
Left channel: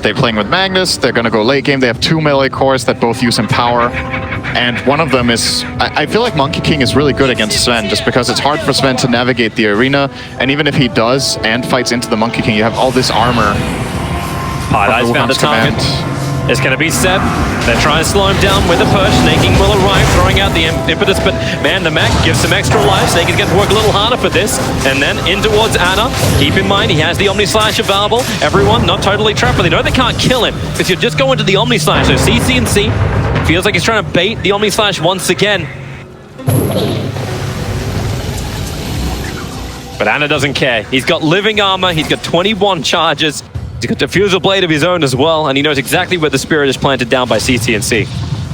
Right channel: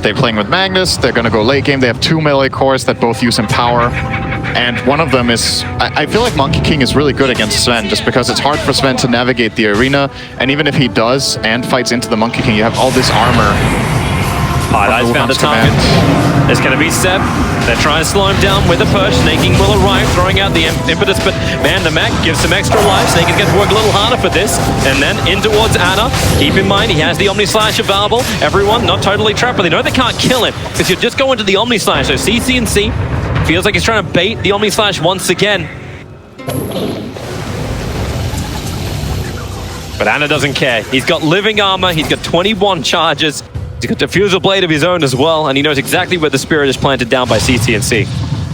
They're playing with Magnus. They're going to go late game. They have 2 melee cores that both use Empower. And one of them is... I feel like Monkey King is really good against Sven just because it's hard for Sven to navigate the arena. And even if he does and fights into the Monkey King, you have all this armor. Paradise found a target. It's going to be Seb. They're trying to slow him down with a push. Snaking will arrive, throwing out the impetus, but man, the mech gives some extra life. Snaking gets to work a little harder for this. And then in towards Ana. Keep in mind, he has the Omni Slash available. Everyone not totally trapped, but they know they can't kill him because you just go into the Omni Slash. So CC&C feels like he's trying to bait the Omni Slash once again. But Ana doesn't care. He's got living armor. He's got 21 charges. He's got Diffusal Blade of his own as well, and he knows exactly where the Spirit is planted down by CC&C.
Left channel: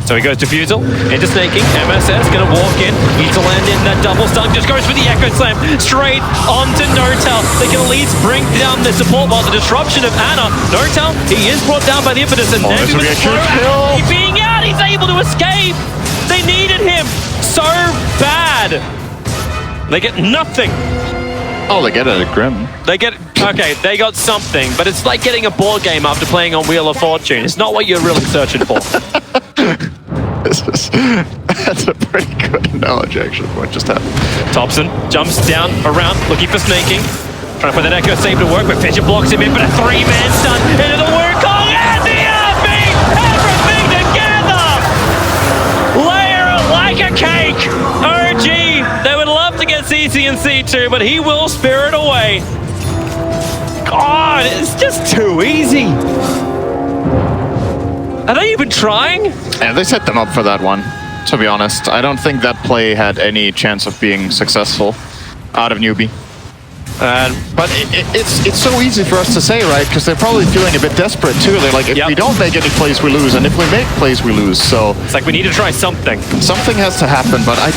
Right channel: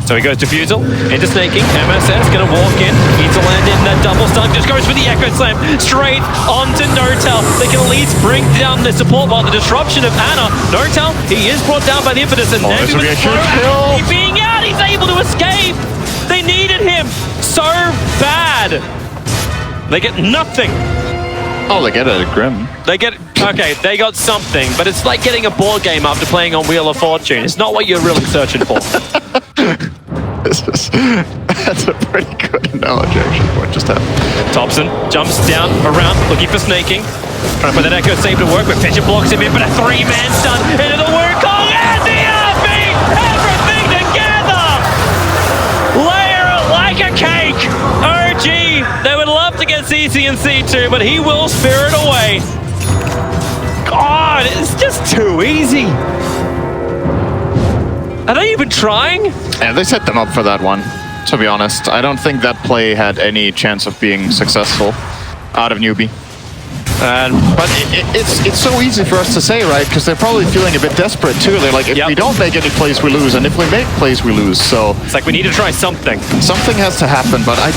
So he goes Diffusal into Snaking. MSS gonna walk in, needs to land in that double stun, just goes for the Echo Slam straight onto N0tail. They can at least bring down the support while the disruption of Ana. N0tail, he is brought down by the impetus, and this will be a huge kill. Being out, he's able to escape. They needed him so bad. They get nothing. Oh, they get it at Grim. They get, okay, they got something, but it's like getting a board game after playing on Wheel of Fortune. It's not what you're really searching for. That's a pretty good analogy, actually, for what just happened. Thompson jumps down, around, looking for Snaking. Trying to put that Echo Save to work, but Fisher blocks him in, but a three-man stun into the Wukong and the RB! Everything together! Layer it like a cake! OG, they would love to get CC&C too, but he will spirit away. God, it's just too easy. Are they even trying? Yeah, they set them up for that one, to be honest. I don't think that play had any chance of being successful out of Newbee. But it's so easy for us to say, right? Because they're probably feeling a bit desperate too. They're like, if we don't make any plays, we lose, and if we make plays, we lose. So it's like we need to try something. Something has to happen, but I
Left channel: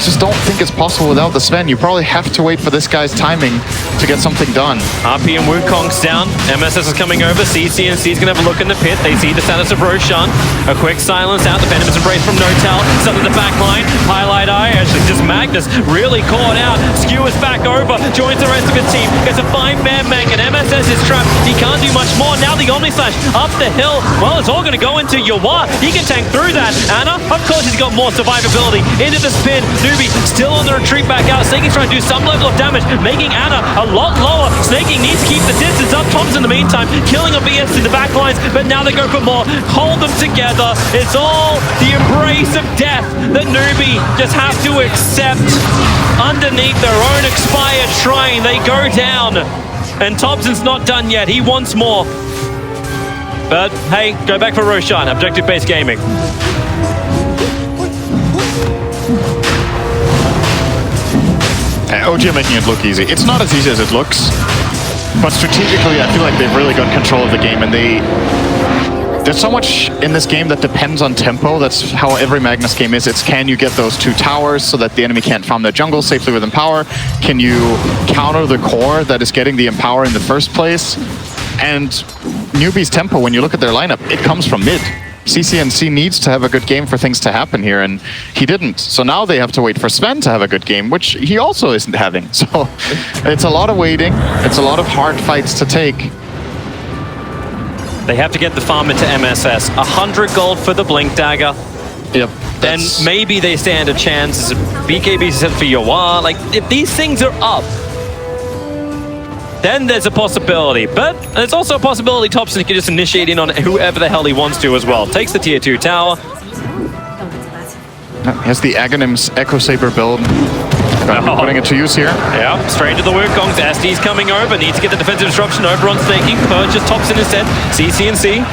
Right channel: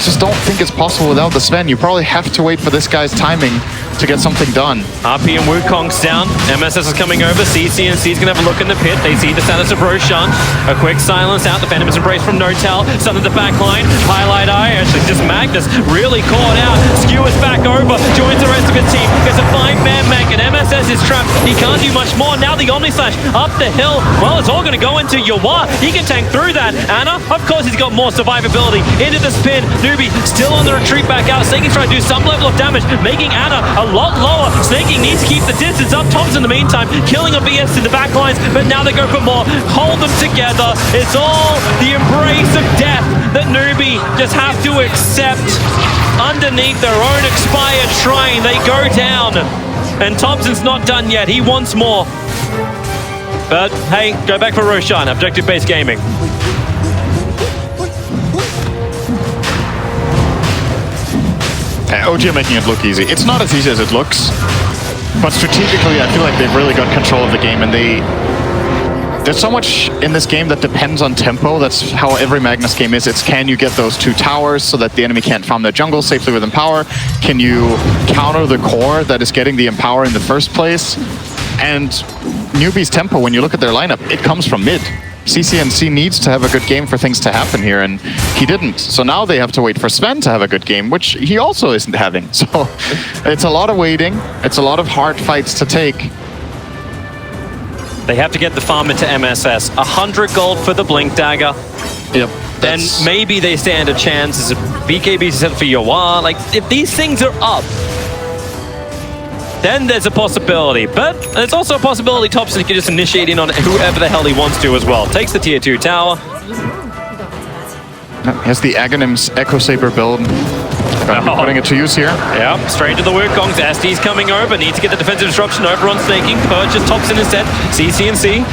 just don't think it's possible without the Sven. You probably have to wait for this guy's timing to get something done. RP and Wukong's down. MSS is coming over. CC&C's gonna have a look in the pit. They see the status of Roshan. A quick silence out. The Venomous Embrace from N0tail. Sun in the back line. Highlight Eye. Actually, just Magnus really caught out. Skewers back over. Joins the rest of his team. Gets a 5-man mech, and MSS is trapped. He can't do much more. Now the Omni Slash up the hill. Well, it's all going to go into Yawa. He can tank through that. Ana, of course, he's got more survivability. Into the spin. Newbee still on the retreat back out. Snaking's trying to do some level of damage, making Ana a lot lower. Snaking needs to keep the distance up. Tom's in the meantime, killing a BS in the back lines, but now they go for more. Hold them together. It's all the embrace of death that Newbee just have to accept. Underneath their own expired shrine, they go down. And Thompson's not done yet. He wants more. But hey, go back for Roshan. Objective-based gaming. OG are making it look easy. It's not as easy as it looks, but strategically, I feel like they've really got control of the game, and there's so much in this game that depends on tempo. That's how every Magnus game is. It's, can you get those 2 towers so that the enemy can't farm their jungle safely with Empower? Can you counter the core that is getting the Empower in the first place? And Newbee's tempo, when you look at their lineup, it comes from mid. CC&C needs to have a good game for things to happen here, and he didn't. So now they have to wait for Sven to have a good game, which he also isn't having. So it's a lot of waiting. It's a lot of hard fights to take. They have to get the farm into MSS. 100 gold for the Blink Dagger. Yep. Then maybe they stand a chance as a BKB set for Yawa. Like, if these things are up, then there's a possibility. But there's also a possibility Thompson can just initiate in on whoever the hell he wants to as well. Takes the tier 2 tower. Has the Aghanim's Echo Saber build. Putting it to use here. Yeah, straight to the Wukongs. SD's coming over. Needs to get the defensive disruption over on Snaking. Purchase Thompson instead. CC&C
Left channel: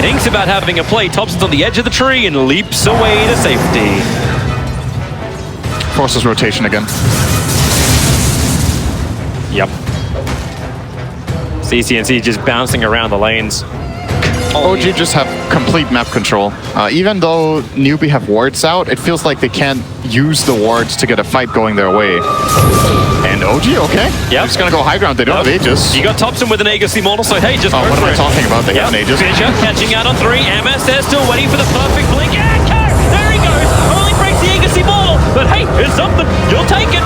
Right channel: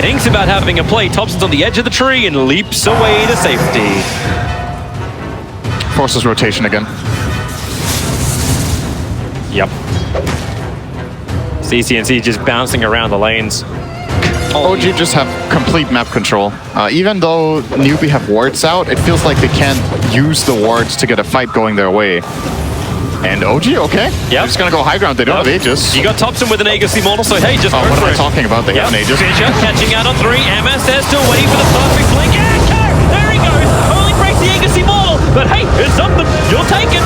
thinks about having a play. Thompson's on the edge of the tree and leaps away to safety. Forces rotation again. Yep. CC&C just bouncing around the lanes. OG just have complete map control. Even though Newbee have wards out, it feels like they can't use the wards to get a fight going their way. And OG, okay. Yep. They're just gonna go high ground. They don't have Aegis. You got Thompson with an Aegis Immortal, so hey, just go what for am I talking about? They have an Aegis. Fisher catching out on 3. MSS still waiting for the perfect blink. Echo! There he goes! Only breaks the Aegis Immortal. but hey, it's something. You'll take it.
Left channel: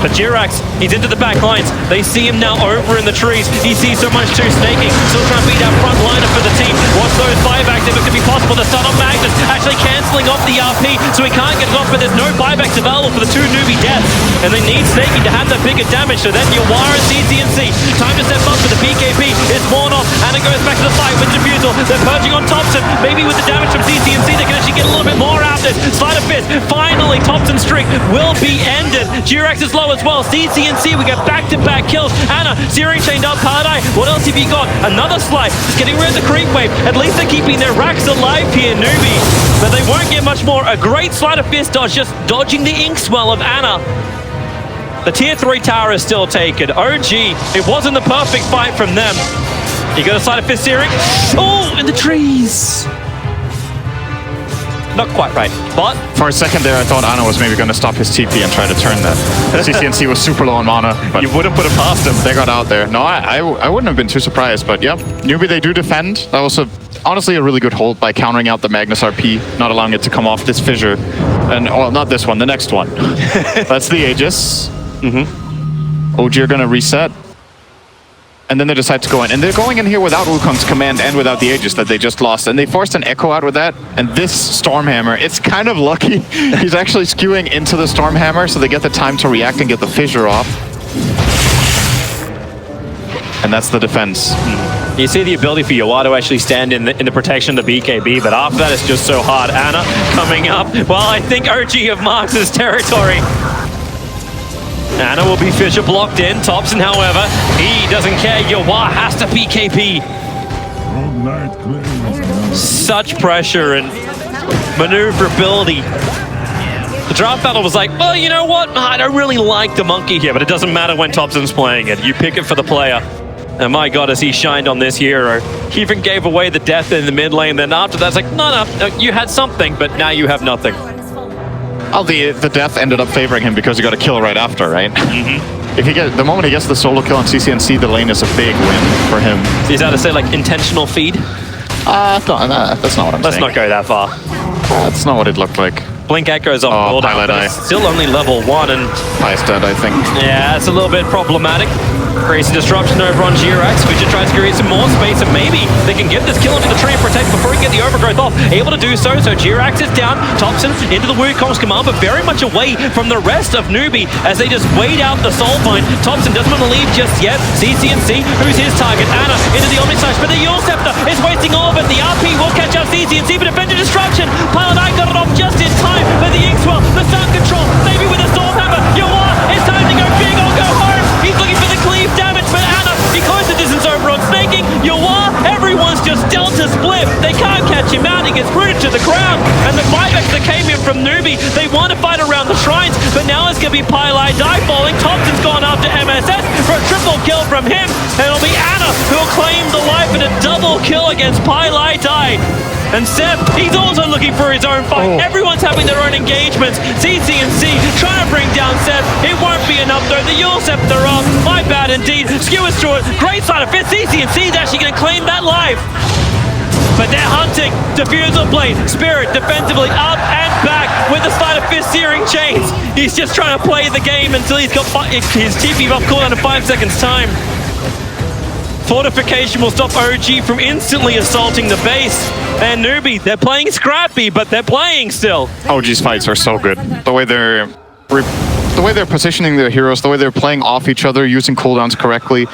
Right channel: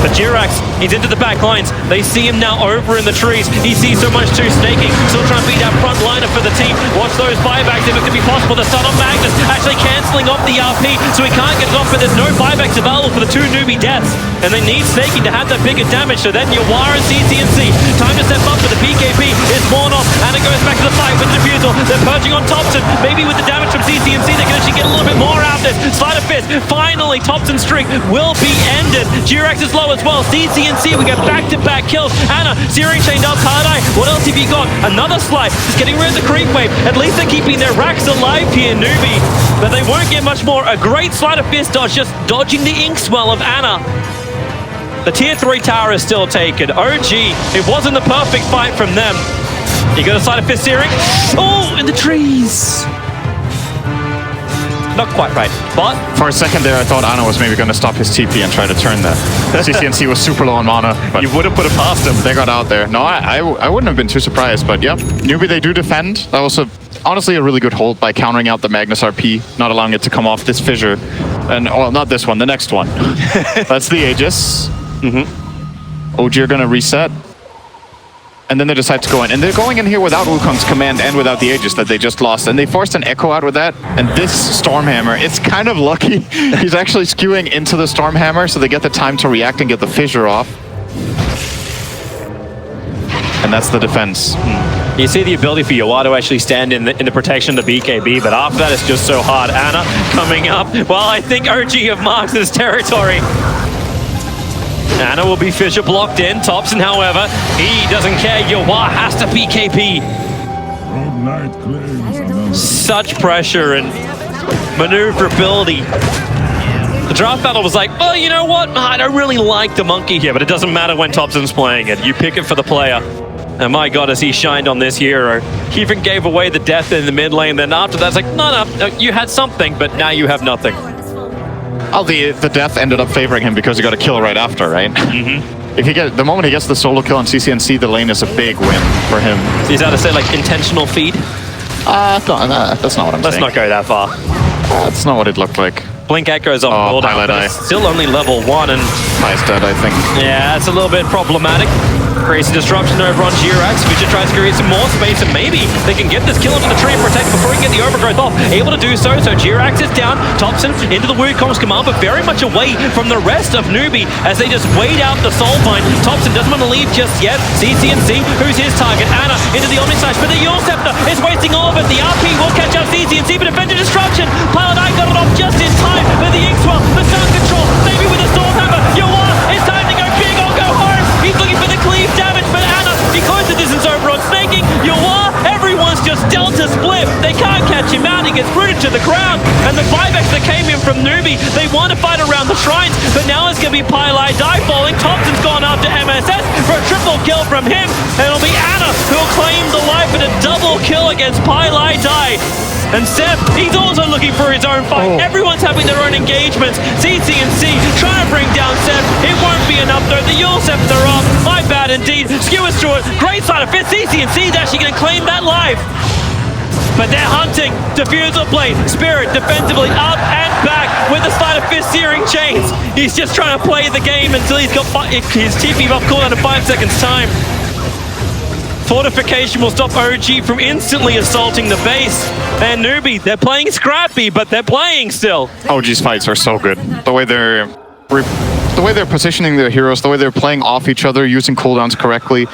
But Jirax, he's into the back lines. They see him now over in the trees. He sees so much too, snaking. Still trying to beat that front liner for the team. Watch those buybacks if it could be possible. The stun on Magnus actually cancelling off the RP, so he can't get it off, but there's no buybacks available for the two Newbee deaths. And they need snaking to have that bigger damage, so then Yawara and CCNC. Time to step up for the PKP. It's worn off, and it goes back to the fight with the Diffusal. They're purging on Thompson. Maybe with the damage from CCNC, they can actually get a little bit more out of this. Sleight of fist. Finally, Thompson's streak will be ended. Jirax is low as well. CCNC, we get back-to-back kills. Anna, Searing chained up. Paradise, what else have you got? Another slide. Just getting rid of the creep wave. At least they're keeping their racks alive here, Newbee. But they won't get much more. A great sleight of fist dodge, just dodging the ink swell of Anna. The tier 3 tower is still taken. OG, it wasn't the perfect fight from them. You got a sleight of fist Searing. Oh, in the trees. Not quite right, but... For a second there, I thought Anna was maybe going to stop his TP and try to turn that. CCNC was super low on mana, but you wouldn't put it past him. They got out there. No, I wouldn't have been too surprised, but yep. Newbee, they do defend. That was honestly a really good hold by countering out the Magnus RP, not allowing it to come off this fissure. And, well, not this one, the next one. That's the Aegis. OG are going to reset. And then they decide to go in. And they're going in here without Wukong's command and without the Aegis that they just lost. And they forced an Echo out with that. And this Stormhammer, it's kind of lucky. He's actually skewing into the Stormhammer, so they get the time to react and get the fissure off. And that's the defense. You see the ability for Yawara to actually stand in the protection of the BKB, but after that it's just so hard. Anna coming up. Well, I think OG have marked his territory. Anna will be fissure blocked in. Thompson, however, he doesn't care. Yawara has to PKP. Such pressure and maneuverability. The draft battle was like, well, you know what? I don't really like the monkey here, but it doesn't matter when Thompson's playing it. You pick it for the player. And my God, as he shined on this hero. He even gave away the death in the mid lane. Then after that, it's like, no, you had something, but now you have nothing. Oh, the death ended up favoring him because he got a kill right after, right? If he the moment he gets the solo kill on CCNC, the lane is a big win for him. So he's out to say like intentional feed? That's not what I'm saying. Let's not go that far. That's not what it looked like. Blink Echo's on board out, but it's still only level 1 and... Highest dead, I think. Yeah, it's a little bit problematic. Crazy disruption over on Jirax. Fisher tries to create some more space, and maybe they can get this kill into the tree and protect before he can get the overgrowth off. Able to do so, so Jirax is down. Thompson into the Wukong's command, but very much away from the rest of Newbee as they just wait out the Soulbind. Thompson doesn't want to leave just yet. CCNC, who's his target? Anna into the Omnislash, but the Yule Scepter is wasting all of it. The RP will catch up CCNC, but defender destruction. Paladin got it off just in time, but the Inkswell, the Sun Control, maybe with a Stormhammer. Yawar, it's time to go big or go home. He's looking for the cleave damage, but Anna, he closed the distance over on snaking. Yawar, everyone's just Delta split. They can't catch him out. He gets rooted to the ground. And the buybacks that came in from Newbee, they want to fight around the shrines, but now it's going to be Pylai Die falling. Thompson's gone after MSS for a triple kill from him. And it'll be Anna who'll claim the life in a double kill against Pylai Die. And Seth, he's also looking for his own fight. Everyone's having their own engagements. CCNC trying to bring down Seth. It won't be enough though. The Yule Scepter off. My bad indeed. Skewers through it. Great side of fit. CCNC is actually going to claim that life. But they're hunting. Diffusal blade. Spirit defensively up and back with the sleight of fist Searing chains. He's just trying to play the game until he's got his TP buff cooldown in 5 seconds time. Fortification will stop OG from instantly assaulting the base. And Newbee, they're playing scrappy, but they're playing still. OG's fights are so good. The way they're positioning their heroes, the way they're playing off each other, using cooldowns correctly.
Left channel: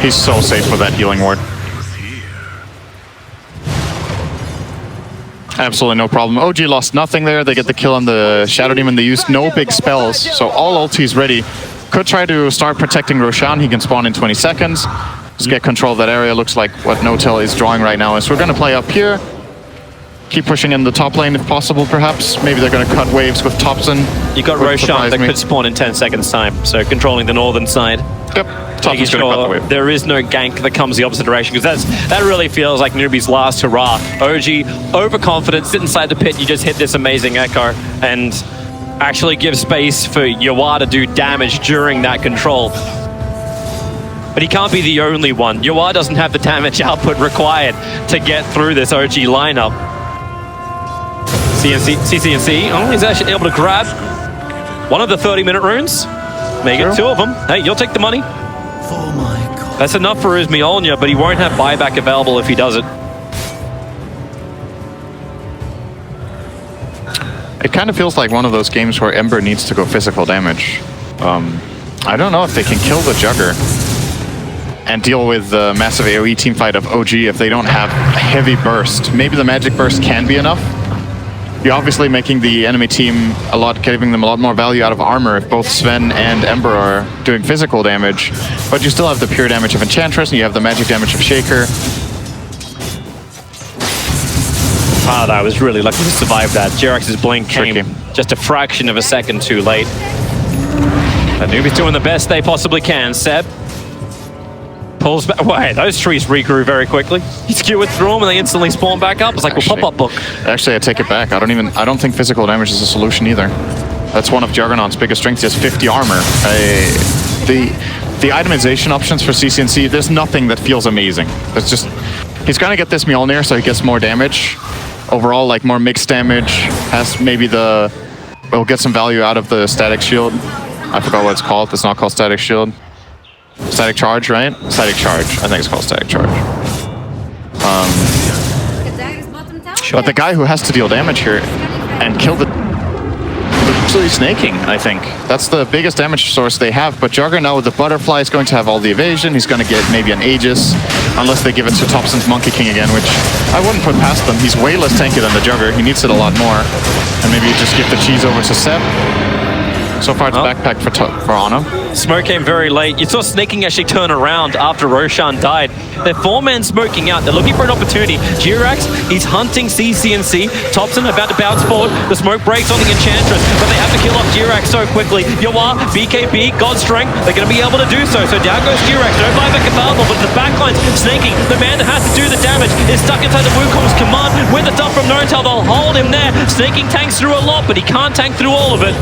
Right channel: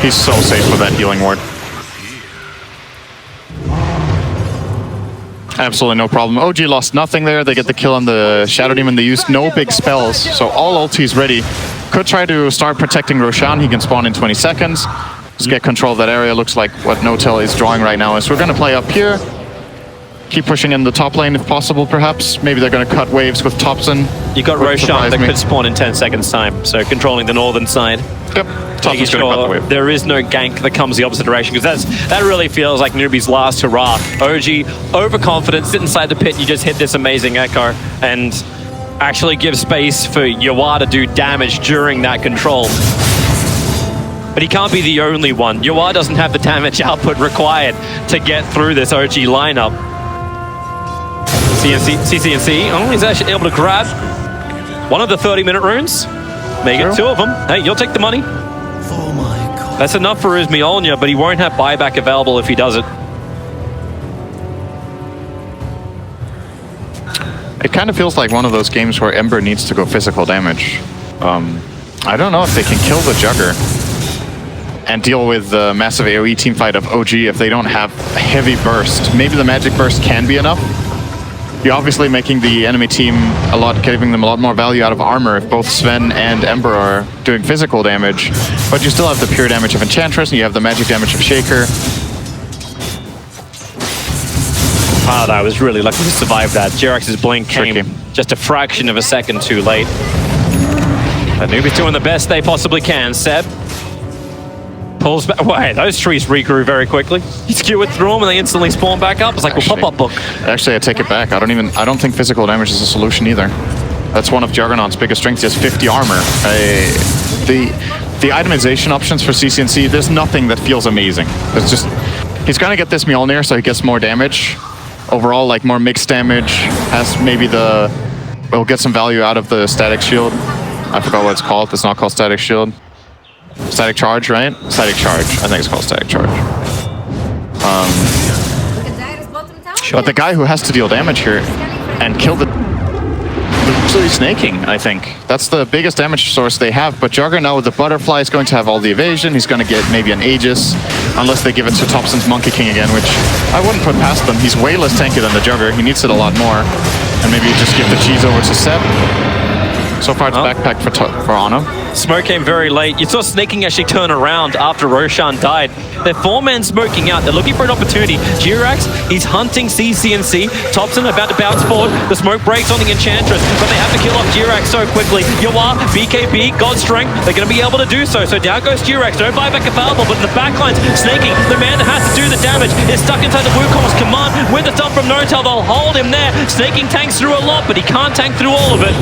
He's so safe with that healing ward. Absolutely no problem. OG lost nothing there. They get the kill on the Shadow Demon. They used no big spells, so all ultis ready. Could try to start protecting Roshan. He can spawn in 20 seconds. Just get control of that area. Looks like what Notel is drawing right now is we're going to play up here. Keep pushing in the top lane if possible, perhaps. Maybe they're going to cut waves with Thompson. You got Roshan that could spawn in 10 seconds time, so controlling the northern side. Yep. Thompson's going to cut the wave. There is no gank that comes the opposite direction, because that really feels like Newbee's last hurrah. OG, overconfident, sit inside the pit, you just hit this amazing echo, and actually give space for Yawar to do damage during that control. But he can't be the only one. Yawar doesn't have the damage output required to get through this OG lineup. CCNC, oh, he's actually able to grab one of the 30-minute runes. Make it 2 of them. Hey, you'll take the money. That's enough for his Mjolnir, but he won't have buyback available if he does it. It kind of feels like one of those games where Ember needs to go physical damage. I don't know if they can kill the Jugger and deal with the massive AoE teamfight of OG if they don't have a heavy burst. Maybe the magic burst can be enough. You're obviously making the enemy team giving them a lot more value out of armor if both Sven and Ember are doing physical damage, but you still have the pure damage of Enchantress and you have the magic damage of Shaker. I was really lucky to survive that. Jirax's blink came just a fraction of a second too late. But Newbee's doing the best they possibly can. Seb pulls back. Wait, those trees regrew very quickly. He skewered through them and they instantly spawn back up. It's like, well, pop-up book. Actually, I take it back. I don't think physical damage is a solution either. That's one of Juggernaut's biggest strengths. He has 50 armor. The itemization options for CCNC, there's nothing that feels amazing. There's just, he's gonna get this Mjolnir so he gets more damage. Overall, like more mixed damage, has maybe we'll get some value out of the static shield. I forgot what it's called. It's not called static shield. Static charge, right? Static charge. I think it's called static charge. But the guy who has to deal damage here and kill the actually snaking, I think. That's the biggest damage source they have. But Jugger now with the butterfly is going to have all the evasion. He's going to get maybe an Aegis, unless they give it to Thompson's Monkey King again, which I wouldn't put past them. He's way less tanky than the Jugger. He needs it a lot more. And maybe you just give the cheese over to Seb. So far it's backpack for Ana. Smoke came very late. You saw Snaking actually turn around after Roshan died. They're 4-man smoking out. They're looking for an opportunity. Jirax, he's hunting CCNC. Thompson about to bounce forward. The smoke breaks on the Enchantress, but they have to kill off Jirax so quickly. Yawar, BKB, God's Strength, they're going to be able to do so. So down goes Jirax. No buyback available, but the backline's Snaking. The man that has to do the damage is stuck inside the Wukong's command. With the stuff from Notel, they'll hold him there. Snaking tanks through a lot, but he can't tank through all of it.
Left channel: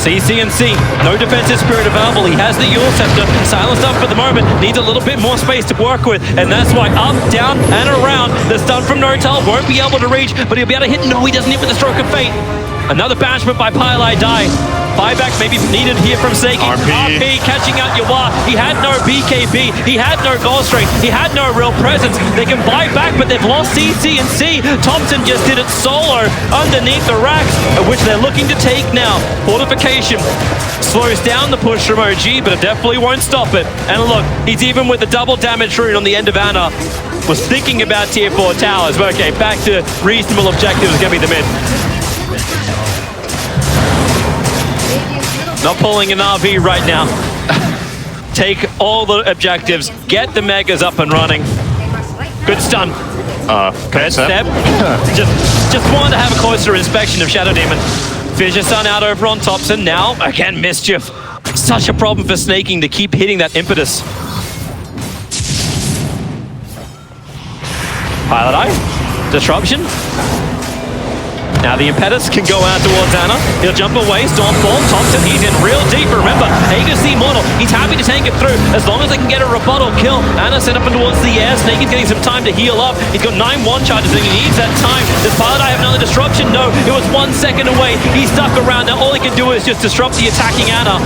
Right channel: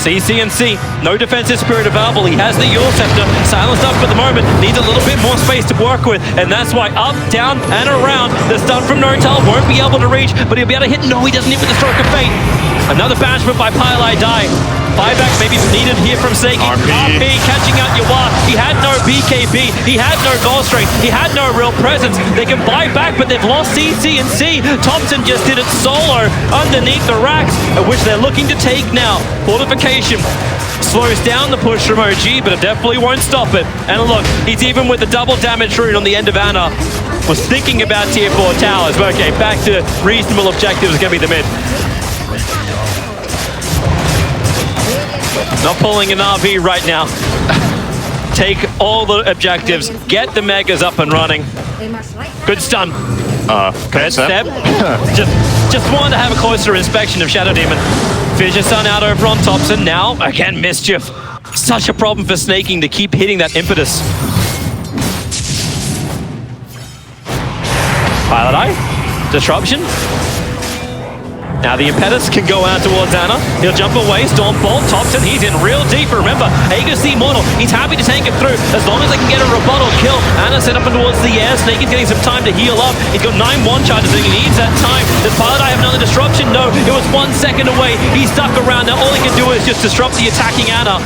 CCNC, no defensive spirit available. He has the Yule Scepter, silenced up for the moment, needs a little bit more space to work with, and that's why up, down, and around. The stun from Notel won't be able to reach, but he'll be able to hit. No, he doesn't hit with the Stroke of Fate. Another banishment by Pylai die. Buyback maybe needed here from Snaking. RP catching out Yawar. He had no BKB. He had no goal strength. He had no real presence. They can buy back, but they've lost CCNC. Thompson just did it solo underneath the racks, which they're looking to take now. Fortification slows down the push from OG, but it definitely won't stop it. And look, he's even with the double damage rune on the end of Ana. Was thinking about tier 4 towers, but okay, back to reasonable objectives. Gonna be the mid. Not pulling an RV right now. Take all the objectives, get the megas up and running. Good stun. Good step. just wanted to have a closer inspection of Shadow Demon. Fissure Stun out over on Thompson. Now, again, Mischief. Such a problem for Snaking to keep hitting that impetus. Pilot Eye. Disruption. Now the impetus can go out towards Ana. He'll jump away, Stormfall, Thompson, he's in real deep. Remember, Aegis the Immortal, he's happy to tank it through as long as they can get a rebuttal kill. Ana sent up and towards the air. Snake is getting some time to heal up. He's got 9 1-charges and he needs that time. Does Pilot Eye have another disruption? No, it was 1 second away. He's stuck around. Now all he can do is just disrupt the attacking Ana.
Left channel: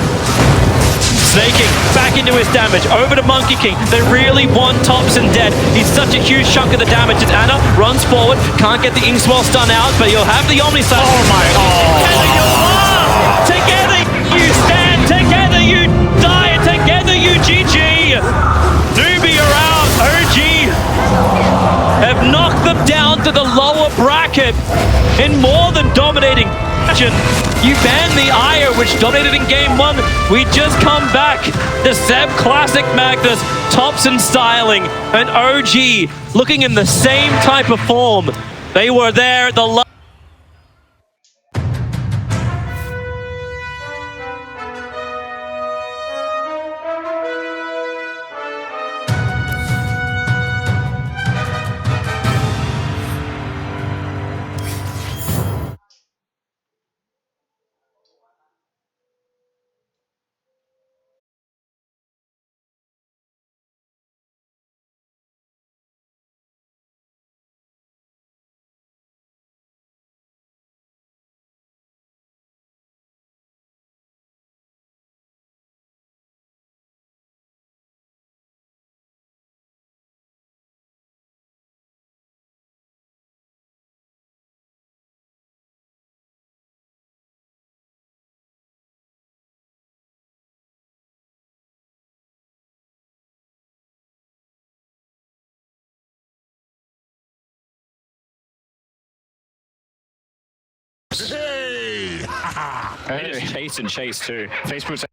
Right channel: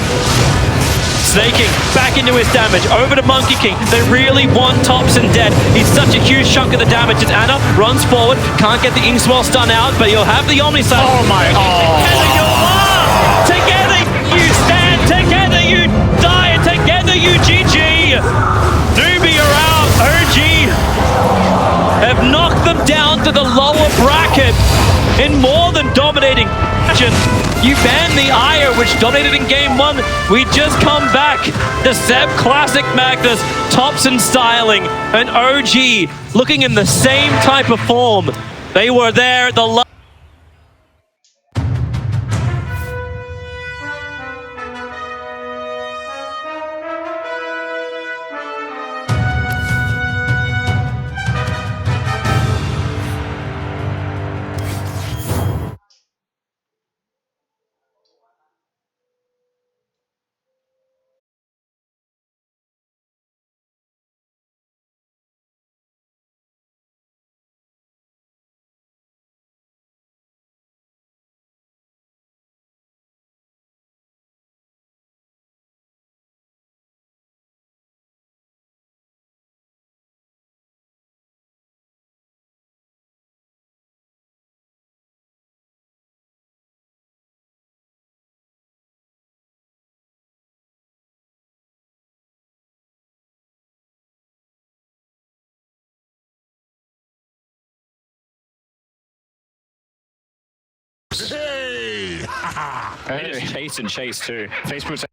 Snaking back into his damage, over to Monkey King. They really want Thompson dead. He's such a huge chunk of the damage as Ana runs forward, can't get the Inkswell stun out, but he'll have the Omniside. Oh my god! Together you stand, together you die, and together you GG! market in more than dominating action. You banned the Ire, which dominated in game 1. We just come back. The Seb Classic Magnus, Thompson styling, and OG looking in the same type of form. They were there at the Hey! chase and chase too. Facebook's